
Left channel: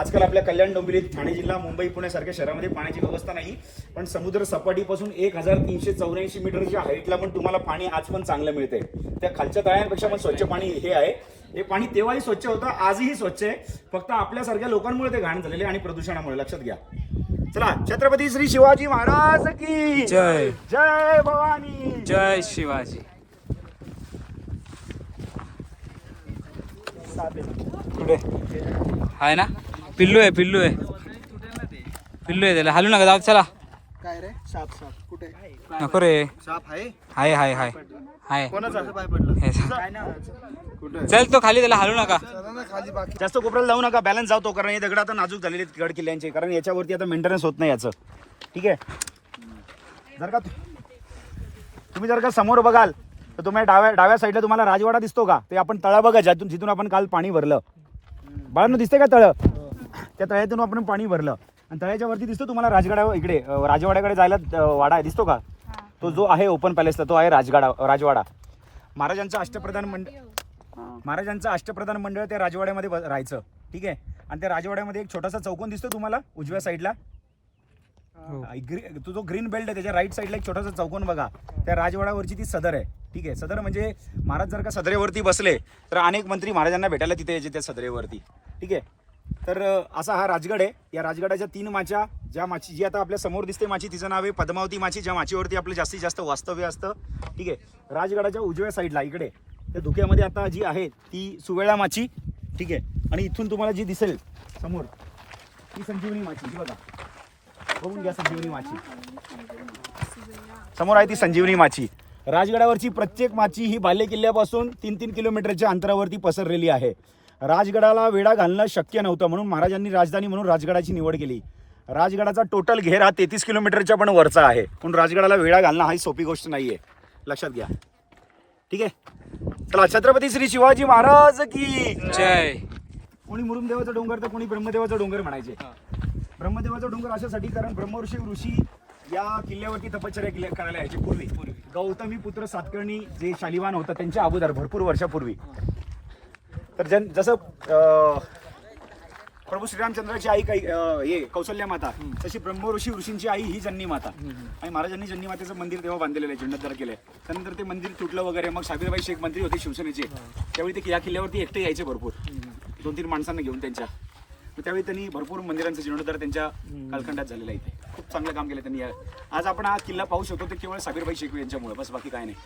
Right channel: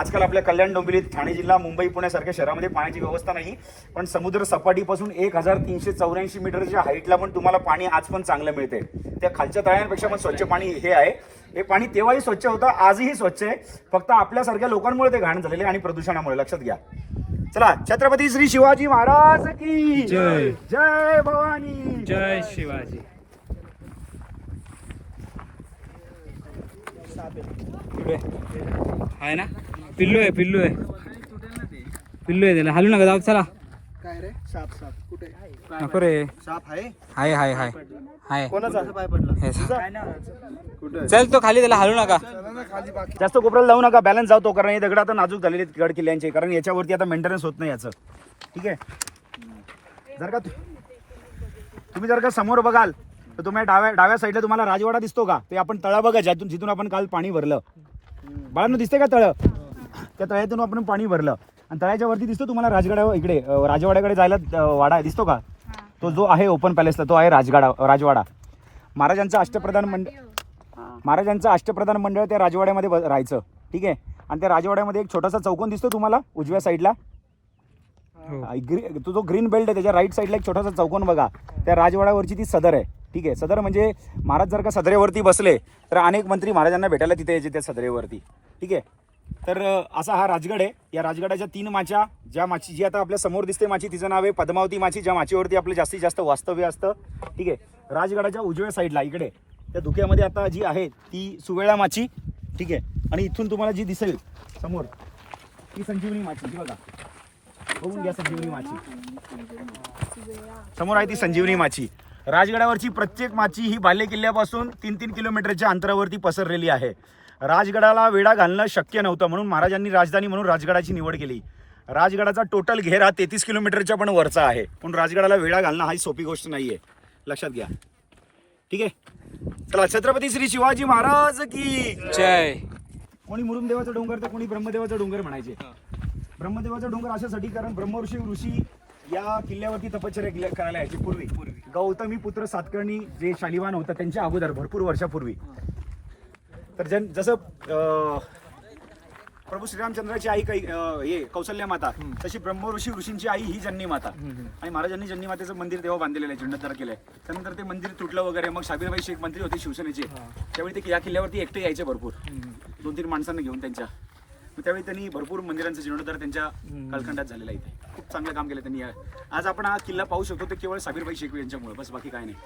आजकाल आपल्या कल्याण, डोंबिवली, ठाणे जिल्हा, मुंबई, पुण्यासारख्या शहरामध्ये पाण्याची व्यवस्था नाही, पण समुद्र सपाटीपासून 1384 मीटरच्या हाईटला पण तुम्हाला पाणी आज पण चांगलं मिळते. त्या खालच्या तळ्यांपेक्षा पण स्वच्छ पाणी हे आहे. हे पाणी तेव्हाही स्वच्छ होतं, आजही स्वच्छ आहे. फक्त आपल्यासारख्या लोकांमुळे ते घाण झालेले आणि प्रदूषणामुळे. लक्षात घ्या. चला, छत्रपती श्री शिवाजी महाराज की जय. जय भवानी. जय शिवाजी. आहे ना, पिल्लू आहे त्याला हालू नका, जाऊ. चला. काय रे? साप कुठे? नको रे. साप आहे? हाय हाय पाय पडला हे चल तो खाली, त्याला हलू नका. जास्त कोपऱ्याला जाऊ नका, बॅलन्स जातो, कारण हे दगड आता नाजूक झालेले आहेत गड किल्ल्यांचे, कारण याच्यावरती आता मेंटेनन्स होत नाही याचं. ठीक आहे, जर का तुम्ही जर का समोर बघाल तर तुम्हाला डाव्या साईडला तुम्हाला राजवाडा दिसतो का? ते आपण तळा बघा, जिथून आपण काल पाणी भरलं. बाळांनो दिसते का तळं? त्या तळ्यातून आपण पाणी भरलं आणि तळ्याच्या वरती दिसतो तुम्हाला इकडे राजवाड्याकडे जायला वाडा दिसतो का? तो जो आहे ओपन पॅलेसला, तो आहे राजवाडा. महाराजांचं अष्टप्रधान मंडळ त्या राजवाड्यामध्ये राहायचं. ठीक आहे, आणि त्या राजवाड्यामध्ये एक छोटासा चौकोन दिसतो तुम्हाला उजव्या साईडला, तो जो ग्रीन बेल्ट आहे त्याच्या राईट साईडला एक छोटासा चौकोन बघा, त्या राजवाड्यावरची ती सदर आहे. ठीक आहे, सदर म्हणजे महाराज जर का सदरेवरती बसले तर अनेक मंत्री महाराजांना भेटायला तिथे यायचे त्या सदरेवरती. ठीक आहे, तर असा हा राजगड आहे. या राजगडाच्या 3 माच्या, ज्या माची जी आता आपल्या समोर दिसते माची तिचं नाव आहे पद्मावती माची, ज्या माचीवरती आपलं जास्तीत जास्त वास्तव्य असतं. ठीक आहे, राजगडाच्या उजव्या साईडला इकडे त्या धुक्यामध्ये आता जी आहे ती सुवेळा माची. ठीक आहे, आणि इथून तुम्हाला जी दिसेल समोर ती संजीवनी माची. जी बघा, बघून घ्या, संजीवनी माची समोर आहे, ती संजीवनी माची. राजगडावरची प्रत्येक माची ही बाले किल्ल्यापासून 3-3 किलोमीटरच्या अंतरावरती पसरलेली आहे. राजगडाला वेढा घालणं शक्य नव्हतं, म्हणून महाराजांनी राजधानी म्हणून राजगडाची निवड केली. राजगडाचा टोटल घेर हा 33 किलोमीटरच्या पण वरचा आहे, म्हणून राजगडाला वेढा घालणं ही सोपी गोष्ट नाहीये, लक्षात घ्या. ठीक आहे, चला, छत्रपती श्री शिवाजी महाराज की जय. कोणी मुरुमदेवाचा डोंगर तर कोणी ब्रह्मदेवाचा डोंगर म्हणायचे. ब्रह्मदेवाचा डोंगर अशासाठी कारण ऋषी या किल्ल्यावरती तपश्चर्या करायला यायचे पूर्वी. गौतमी पुत्र सातकर्णी जे शालिवान होता त्यांच्या अगोदर भरपूर वर्षापूर्वी. तर जसं प्रभू श्रीरामचंद्राची आई कौशल्या माता, तशी ऋषींची आई ही जन्नी माता. आणि महाराजांनी जन्नी मातेचं मंदिर तेव्हा बांधलेलं आहे, जीर्णोद्धार केलंय. त्यानंतर ते मंदिर तुटलं वगैरे, मग शाबीरबाई शेख मंत्री होते शिवसेनेचे, त्यावेळी ते या किल्ल्यावरती एकटे यायचे भरपूर, 2-3 माणसांना घेऊन त्यांच्या. त्यावेळी त्यांनी भरपूर मंदिरांचा जीर्णोद्धार त्यांच्या कालखंडात झालेला आहे. खूप चांगलं काम केलं त्यांनी. आज आपण हा किल्ला पाहू शकतो ते केवळ शाबीरबाई शेख यांच्यामुळे, बस बाकी काय नाही.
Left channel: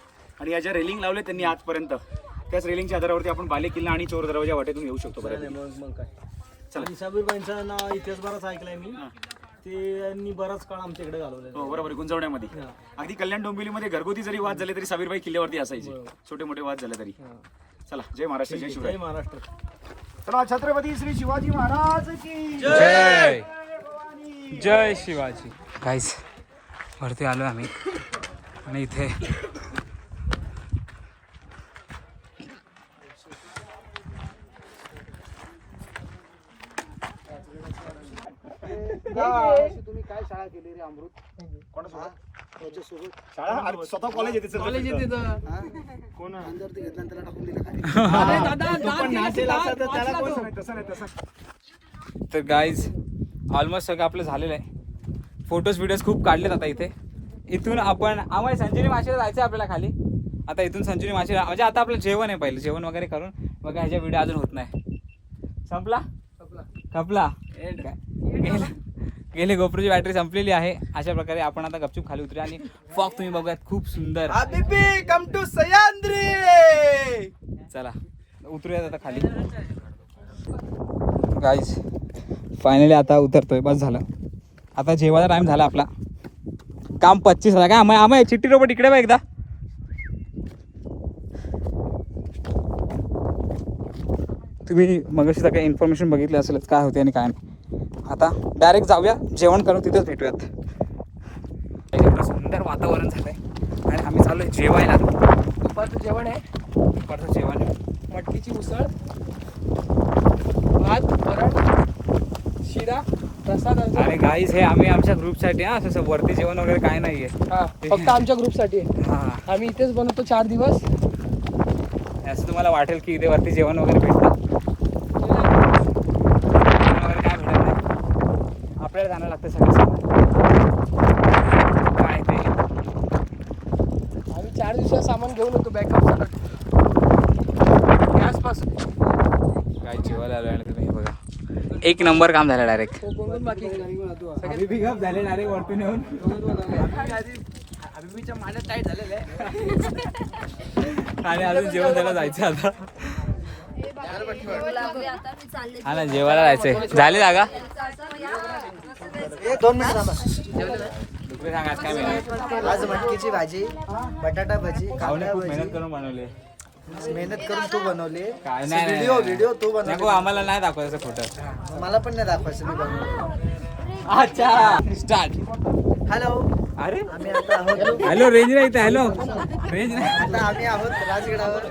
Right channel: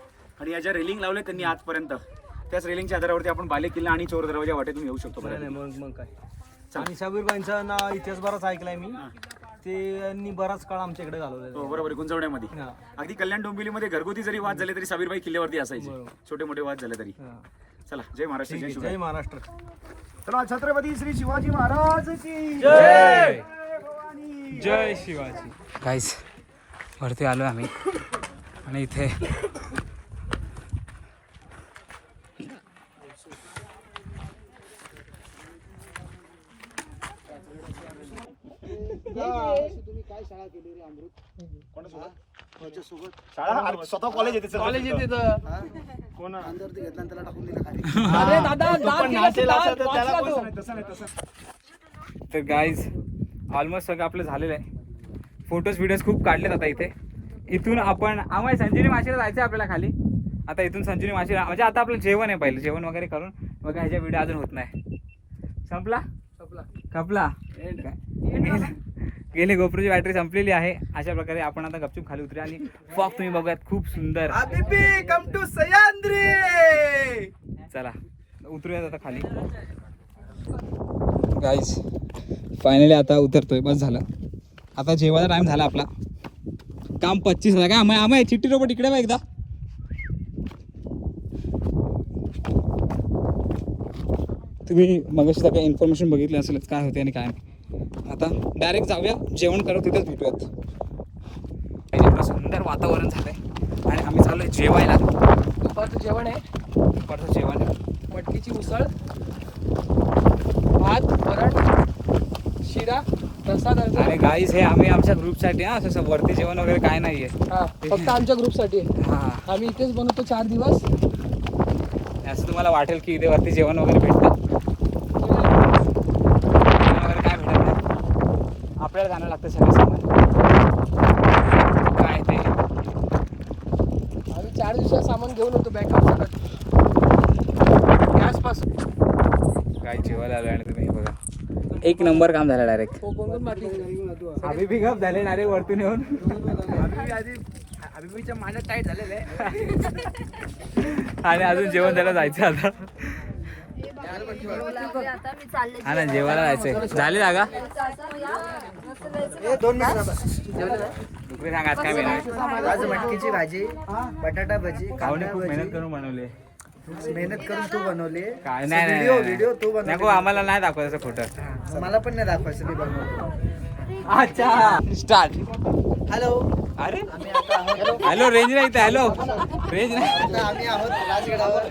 आणि या ज्या रेलिंग लावले त्यांनी आजपर्यंत, त्याच रेलिंगच्या आधारावरती आपण बाले किल्ला आणि चोर दरवाजा वाटेतून येऊ शकतो बऱ्यापैकी. आणि शाबीरबाईंचा नाव इतिहास बराच ऐकलाय मी, त्यांनी बराच काळ आमच्या इकडे घालवला. हो बरोबर, गुंजवण्यामध्ये अगदी कल्याण डोंबिवलीमध्ये घरगुती जरी वाद झाले तरी साबीरबाई किल्ल्यावरती असायचे, छोटे मोठे वाद झाले तरी. चला, जय महाराष्ट्र, जय शिवराय. महाराष्ट्र. चला, छत्रपती श्री शिवाजी महाराज की जय. जय शिवाजी. गाईस, वरती आलो आम्ही आणि इथे तुम्ही काय शाळा केली रे अमृत? स्वतः कॉलेज येते, कॉलेज येते तर तर गाईज ऑलमोस्ट सगळं आपलं झालेलं आहे. फोटोज खूप काढलेत आता इथे. इथून आपण आम्हाला संजीवनी माशीला जायचं आहे आपल्याला खाली. आता इथून संजीवनी माशीला म्हणजे आता आपलं जेवण आहे, पहिलं जेवण वगैरे करून मग ह्याच्या व्हिडिओ अजून होत नाही. संपला गेली गोप्रोची बॅटरी संपलेली आहे. अशा प्रकारे आपण आता गपचूप खाली उतरूया आणि फॉग तुम्ही बघूयात, खूप सुंदर. Come to Sahyadri. चला उतरूयात आता खाली. गाईज फायनली आता उतरतोय, बस झालं. आता जेवायचा टाइम झाला आपला. काम 25 झाला. काय आम्हाला चिट्टी रोबोट इकडे बघ एकदा. तुम्ही मगाशी सगळं इन्फॉर्मेशन बघितली असेलच काय होते आणि काय नाही. आता डायरेक्ट जाऊया, जेवण करू, तिथंच भेटूयात. एवढं सुंदर वातावरण झालंय आणि आम्ही चाललोय जेवायला. दुपारचं जेवण आहे, दुपारचं जेवण मटकीची उसळ, भात, वरण, शिरा, प्रसाद. आणि गाईज हे आम्ही आमच्या ग्रुपसाठी असं वरती जेवण वगैरे काय नाहीये, फक्त आमच्या ग्रुपसाठी. हा, आम्ही इथेच बनवतो 4 दिवस. असं तुम्हाला वाटेल की इथे वरती जेवण वगैरे भेटतं वगैरे, काय भेटत नाही. आपल्याला जाणं लागतं सगळं सामान काय ते. आम्ही 4 दिवसात सामान घेऊन येतो बॅकअप सकट गॅसपासून. काय जेवायला आलं आणि तुम्ही बघा, 1 नंबर काम झालं डायरेक्ट. आम्ही बी गप झाले ना रे वरतून येऊन. अभिमीच्या मांड्यात टाईट झालेलं आहे आणि अजून जेवण द्यायला जायचं आता. हा ना, जेवायला जायचंय. झाले जागा. 2 मिनिट डुकरे सांग आज काय मेनू आहे? आज मटकीची भाजी, बटाटा भजी, भाऊने कांदा खूप मेहनत भजी. करून बनवले. मेहनत करून तू बनवली. काय नाही व्हिडिओ तू बनवली. नको आम्हाला नाही दाखवायचं फोटो. मग मला पण नाही दाखवायचं मी बनवलं. अच्छा स्टार्ट. हॅलो, अरे आम्ही आता आहोत हॅलो रेंज नाही इथे. हॅलो रेंज नाही. आता आम्ही आहोत राजगडावर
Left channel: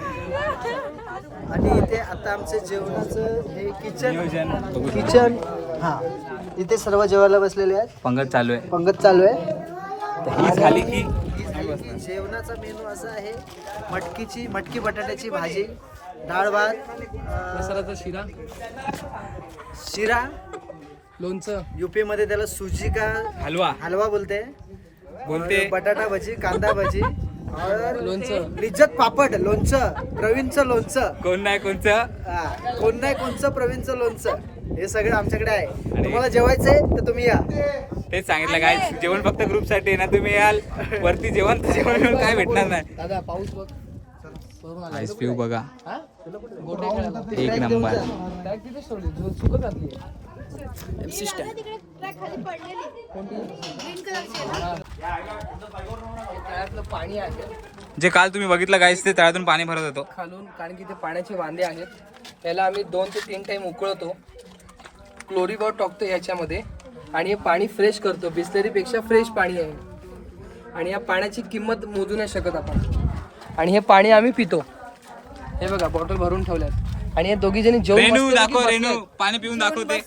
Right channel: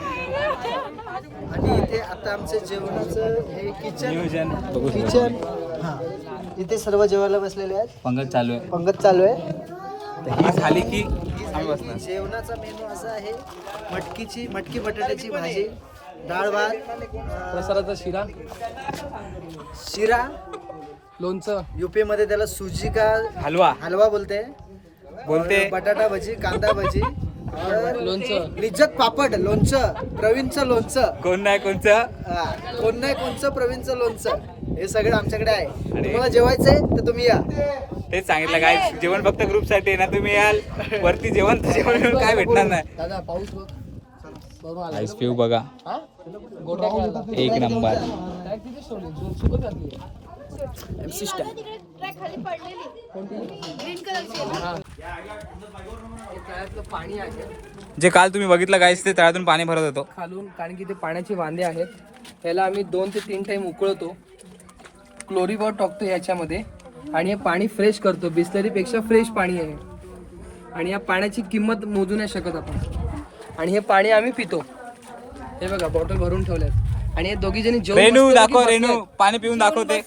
आणि इथे आता आमचं जेवणाचं हे किचन नियोजन बघू शकतो. किचन हा इथे सर्व जेवायला बसलेले आहेत. पंगत चालू आहे. पंगत चालू आहे. ही झाली की आम्ही बसणार. जेवणाचा मेनू असा आहे मटकी बटाट्याची भाजी, डाळ भात, प्रसादाचा शिरा, शिरा, लोणचं, यूपी मध्ये त्याला सुजी का हलवा बोलते. और बटाटा भजी, कांदा भजी और लोणचं. लिज्जत पापड, लोणचं, प्रवीणचं लोणचं. कोण नाही कोणचं. हा, कोण नाही कोणचं, प्रवीणचं लोणचं. हे सगळं आमच्याकडे आहे. तुम्हाला जेवायचंय तर तुम्ही या. तेच सांगितलं काय जेवण फक्त ग्रुप साठी ना. तुम्ही याल वरती जेवण जेवण काय भेटणार नाही. दादा पाऊस बघ. आईस पिऊ बघा गोट्या खेळायला. एक नंबर. काय तिथे सोडली झोप शिकत घातली. तळ्यातलं पाणी आहे जे काल तुम्ही बघितलं गाईस ते तळ्यातून पाणी भरत होतो खालून, कारण की ते पाण्याचे वांदे आहेत. त्याला आम्ही 2 ते 3 टाइम उकळवतो, क्लोरीबॉट टाकतो याच्यामध्ये आणि हे पाणी फ्रेश करतो. बिस्लरीपेक्षा फ्रेश पाणी आहे आणि या पाण्याची किंमत मोजू नाही शकत आपण. आणि हे पाणी आम्ही पितो. हे बघा बॉटल भरून ठेवल्यात आणि हे दोघी जणी जेवण रेणू मस्तपैकी दाखव. बसलेत. रेणू पाणी पिऊन दाखव. ते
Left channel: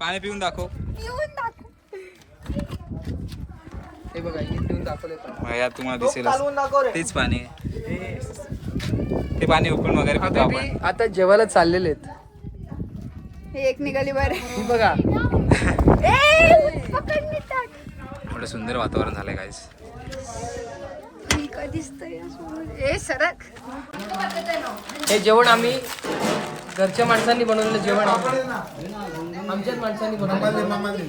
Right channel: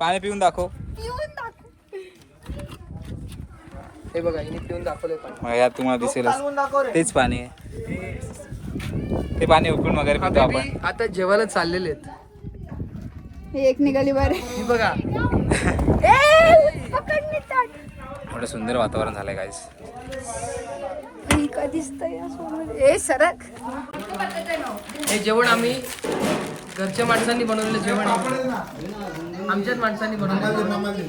पाणी पिऊन दाखव. हे बघा हे पिऊन दाखवलं पाणी. यात तुम्हाला दिसेलच तेच पाणी आहे. ते पाणी उकळून वगैरे पितो आपण. आता जेवायला चाललेले आहेत. एक निघाली बरं. ही बघा एवढं सुंदर वातावरण झालंय गाईस. हे जेवण आम्ही घरच्या माणसांनी बनवलेलं जेवण आहे. आमच्याच माणसांनी बनवलं.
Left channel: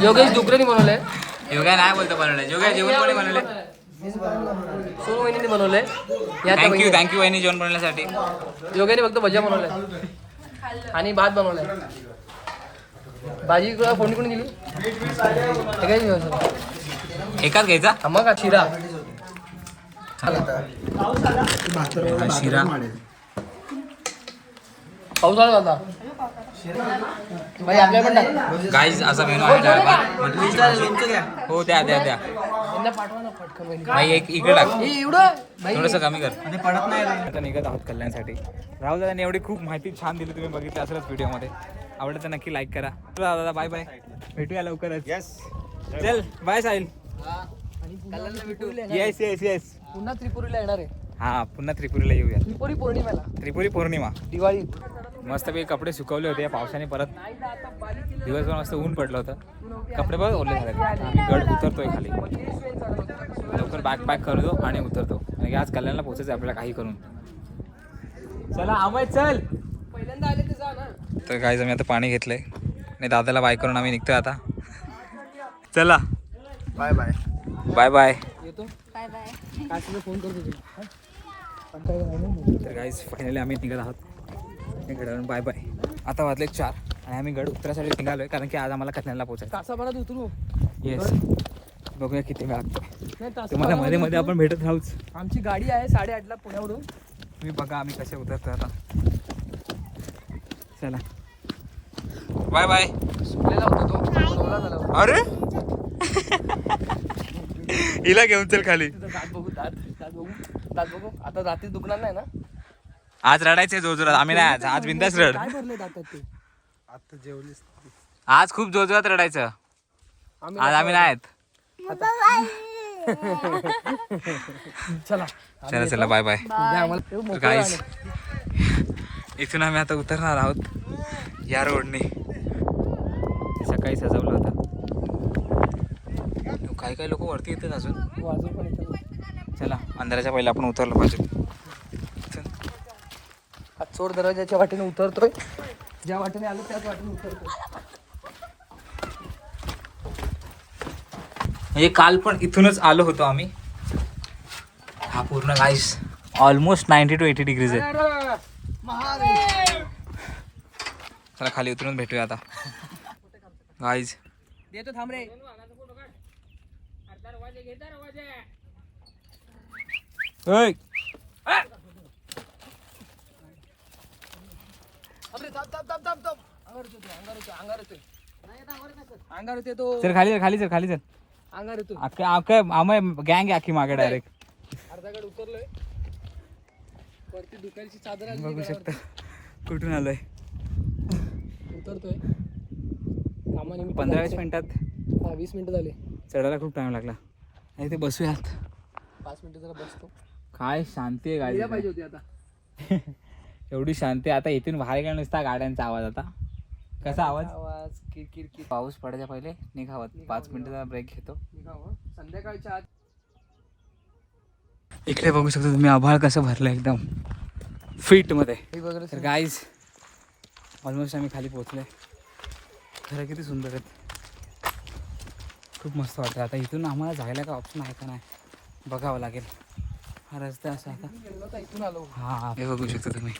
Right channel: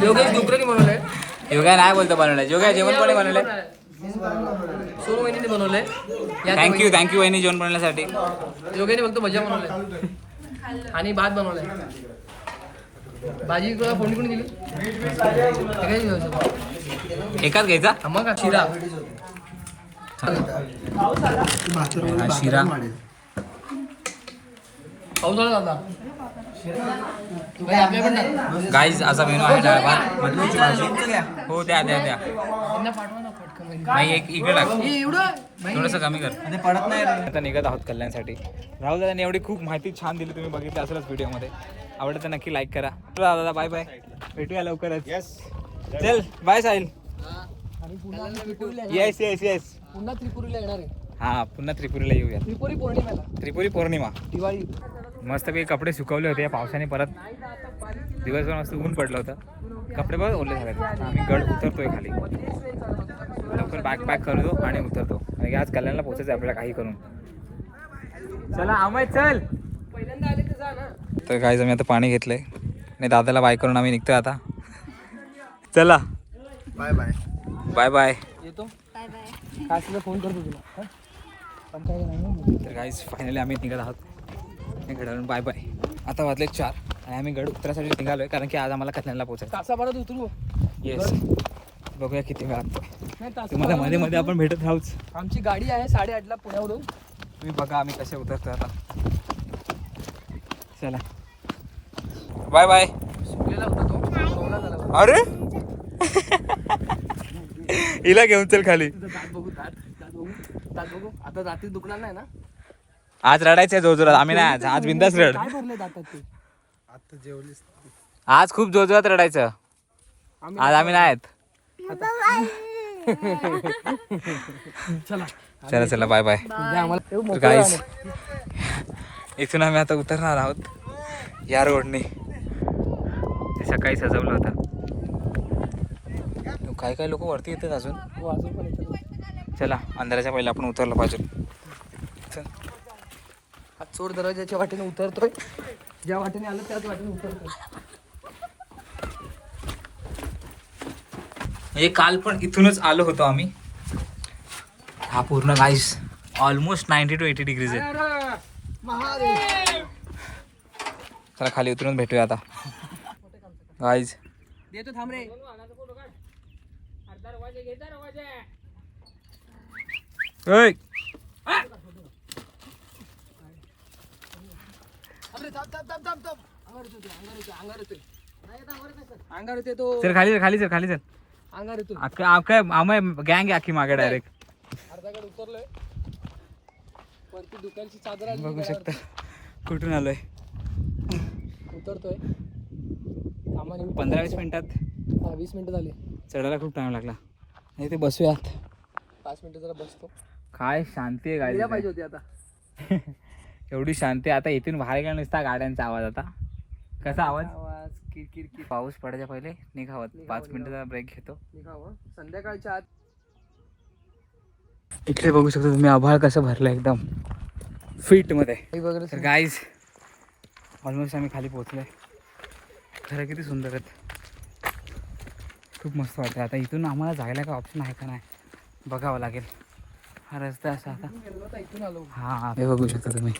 योगेश डुकरेनी बनवलंय. योगा नाही बोलतो बनवलंय. योगा जेवण कोणी बनवलंय? सोनू वहिनीने बनवलंय. थँक्यू वहिनी जेवण बनवण्यासाठी. योगाने फक्त भज्या बनवल्या आणि भात बनवलाय. भाजी तुला कोणी कोणी दिली? हे काय दिलं? एकाच घ्यायचा. मग शिरा. हा शिरा. पाऊस आला होता. आपल्या पण टाक. गाईज असा मेनू आहे. डाळ भात, मटकीची भाजी. हो द्या द्या द्या. त्यांना पाठवा ना पटकन. भाई एक इकडे टाक. हे एवढं भाई, थोडंसं कमी कर. पडत नाही. आता निघत आहोत कल्याणसाठी. राहुल दादाने एवढी खूप माहिती छान दिली. तुम्ही बघितलं असेलच व्हिडिओमध्ये. आवडलं तर नक्की लाईक करा. दादा बाय बाय. भेटूया लवकरच. चल बाय साहिल. आणि पुन्हा त्रिपुरीला येणार. Yes yes yes. पुन्हा त्रिपुरीला येणार आहे. हा पुन्हा त्रिपुरीला येऊया. त्रिपुरी पौर्णिमेला, त्रिपुरी पौर्णिमा. दिवाळी. मस्तपैकी कपडे सुकवले होते या पावसाने. परत दिवसभर मस्त ऊन पडलं होतं. कपडे बघ ओले झाले. आता आम्ही गड उतरतोय खाली. लवकर बॅग पॅक करतो आणि उतरतो. म्हणजे आज कल्याणला पोहोचायचं आपल्याला काही करून. चला अमय चल. पहिल्यांदा आले तर जा ना. तर काय आम्ही आता पाणी घेतलंय आणि दादाला बाय करून आम्ही निघतोय आता. चला बाय बाय. Bye bye. येतो. Bye bye. काय तुला फोन करतो तुला. तर गाईज फायनली आम्ही निघत आहोत गडावरून. Bye bye. आता वाजले 4 आणि आम्ही गड उतरासाठी निघालोय कारण की आज आम्हाला कल्याणला पोहोचायचं. तासाभरात उतरू. येस. बघूया किती वेळ लागतोय. नाही, तुम्हाला मध्ये मध्ये आपण भेटत राहूच. आमची गाडी आहे 8:30ला पुण्यावरून. तुम्ही बघा आम्ही कसे उतरतोय आता. चला बाय बाय. अरे हिला घेऊन चल खाली. दात बघू. आता रात्री दुखणार नाही ना. आज रडायचंय जोरजोरात. आम्ही नाही आज बिंदास रड. काय भरले दातात ते? आज खूप जोरजोरात रडायचं. आज आम्ही नाही आहेत. चला चला चला बाय बाय. उद्या आम्हाला तर गाईस इथून आम्ही आता उतरणार आहोत या रोडने. ते सकाळी सजवलं होतं. काही काही लोक वरती येतात अजून. वाजून पण येतं. चला अंधाराच्या पहिला आपण उतरलं पाहिजे. चल. हा चोर दरवाजाच्या वाटेने उतरतोय. ज्या वाटेने आलो त्याच वाटेने उतरतोय. म्हणजे काल पण इथूनच आलो होतो आम्ही. हा पूर्ण गाईस ऑलमोस्ट 90 to 80 डिग्रीज आहे. चला खाली उतरून भेटूया आता गाईज. देतो थांब रे. ओय. अंगार येते तो चल खाली चल खाली चल खाली चल अंगार येतो आम्ही गँग आहे अख्खी मागे डायरेक्ट अर्धाकडे उतरलोय वरती दुकानची चादर आली बघू घरावर. शकता कुठून आलोय उतरतोय कामानिमित्त 15-20 मिनिटात 20 मिनिटं झाले चढायला खूप टाइम लागला आणि ते बसूयात 5 मिनिटं जरा बसतो काय शांती आहे गेल्या गाडी पाहिजे होती आता एवढी शांती आता इथून बाहेर गेला नुसता गाड्यांचा आवाज आता कसा आवाज आवाज किरकिर पाऊस पडायच्या पहिले निघावत 5 मिनिटाचा ब्रेक घेतो निघावं संध्याकाळच्या आत इकडे बघू शकता तुम्ही आभाळ कसं भरलं एकदम फिट मध्ये वगैरे तर गाईज ऑलमोस्ट आम्ही खाली पोहोचलोय खरं किती सुंदर आहेत खूप मस्त वाटतं आता इथून आम्हाला जायला काय ऑप्शन आहे का नाही बघावं लागेल हा रस्ता असा आता इथून आलो हा हे बघू शकता तुम्ही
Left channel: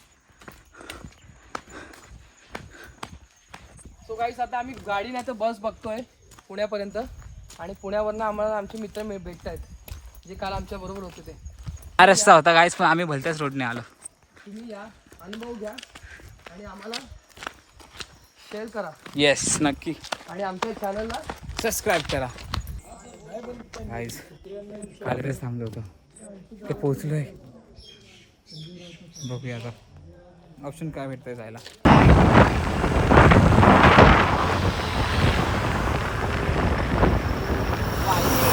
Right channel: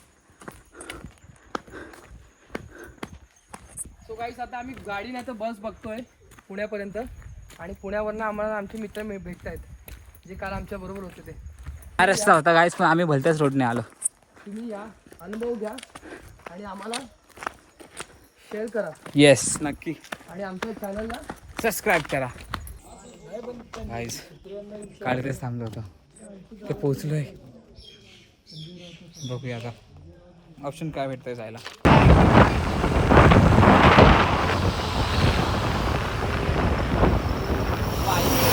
सो गाईस आता आम्ही गाडी नाही तर बस बघतोय पुण्यापर्यंत आणि पुण्यावरनं आम्हाला आमचे मित्र भेटत आहेत जे काल आमच्या बरोबर होते ते हा रस्ता होता गाईज पण आम्ही भलत्याच रोडने आलो तुम्ही या अनुभव घ्या आणि आम्हाला शेअर करा येस नक्की आणि आमच्या चॅनलला सबस्क्राईब करा गाईज कालच थांबलो होतो ते पोचलोय बघूया आता ऑप्शन काय भेटतंय जायला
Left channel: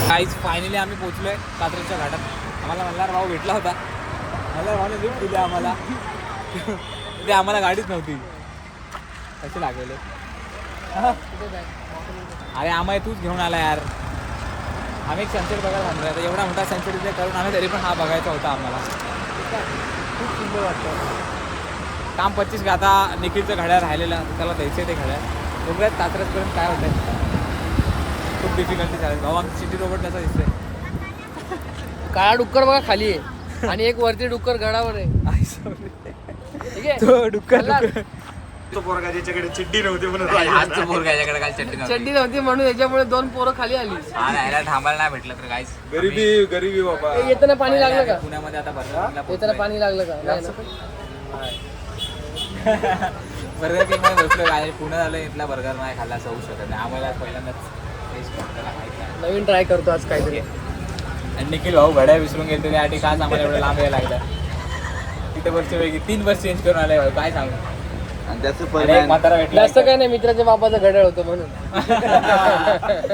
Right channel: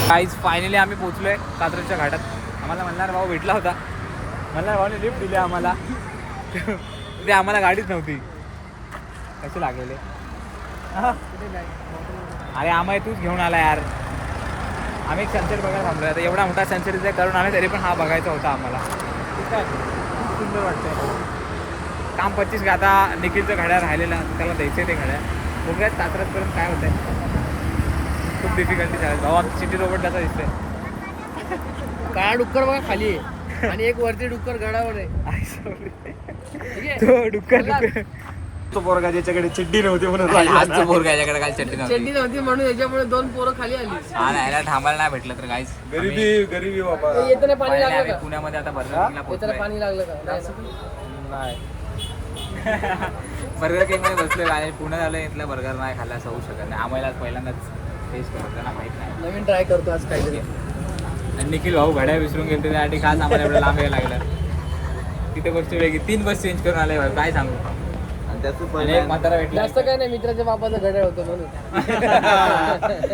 गाईज फायनली आम्ही पोचलोय कात्रजच्या घाटात आम्हाला मल्हार भाऊ भेटला होता मल्हार भाऊने लिफ्ट दिली आम्हाला ते आम्हाला गाडीच नव्हती कसे लागले अरे आम्हाला तूच घेऊन आला यार आम्ही एक सनसेट बघायला थांबलोय आता एवढा मोठा सनसेट इथे करून आला तरी पण हा बघायचा होता आम्हाला खूप सुंदर वाटतं काम 25 आता निखिलचं घड्याळ राहिलेलं त्याला द्यायचं ते घड्याळ बघूयात कात्रजपर्यंत काय होतंय खूप डिफिकल्टी झाली भाऊ आमची सिटी रोबोट कसा दिसतोय काळा डुक्कर बघा खाली आहे आणि एक वरती डुक्कर गडावर आहे ठीक आहे तो डुक्कर डुक्कर ज्याच्याकडे चिड्डी नव्हती म्हणून आजचं बोर याच्याकडे काय चट्टी नव्हती चड्डी नव्हती म्हणून याच्यामुळे 2 पोरं खाली आली हा नाही याला थांबायला नाही भेटलं तर काहीच गरीबी बाबा येताना पाणी लागलं आम्ही का पुण्यामध्ये आता बर्गर किंगला येताना पोहोचलोय पाणी लागलं का नाही ना. बर्गर किंग मध्ये बसलोय आणि पुण्यात आलं इथला बर्गर नाही खाल्ला असं होऊ शकत नाही आम्हाला पहिल्यांदाच टेस्ट करतो त्याला माहित नाही नवीन ट्राय करतो आज काहीतरी आणि निखिल भाऊ घड्या विसरून गेले त्यासाठी खास आम्हाला एवढं लांब यायला लागलं तिथे बसची वेगळी 3 बस चेंज करून आलाय भाऊ काय सांगू आणि एक म्हातारा भेटला जास्त काय नाही मित्राच्या बापाचं घड्याळ होतं म्हणून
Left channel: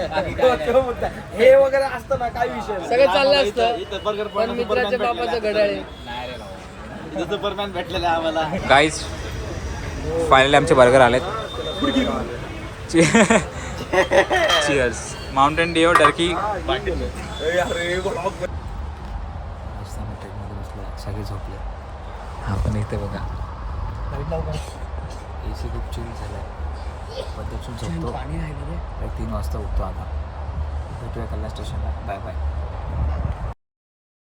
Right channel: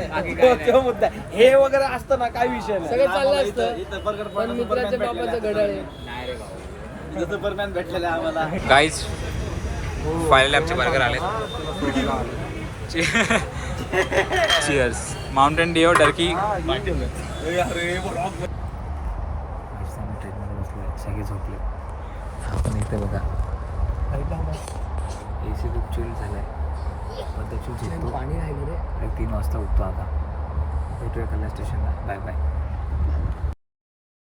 बाकी काय नाही. हे वगैरे असतं ना काय विषय सगळं चाललं असतं पण मित्राच्या बापाचं घड्याळ आहे. नाही रे भाऊ जसं परमॅन भेटलेला आम्हाला गाईज फायनली आमचे बर्गर आलेत चिअर्स माउंटेन डिओ डर्की सगळे झोपले आपण इथे बघा AC खूप चिल झालाय पद्धतशीर झोपतो 3 वाजता उठतो आता भेटूया कल्याण स्टेशनला बाय बाय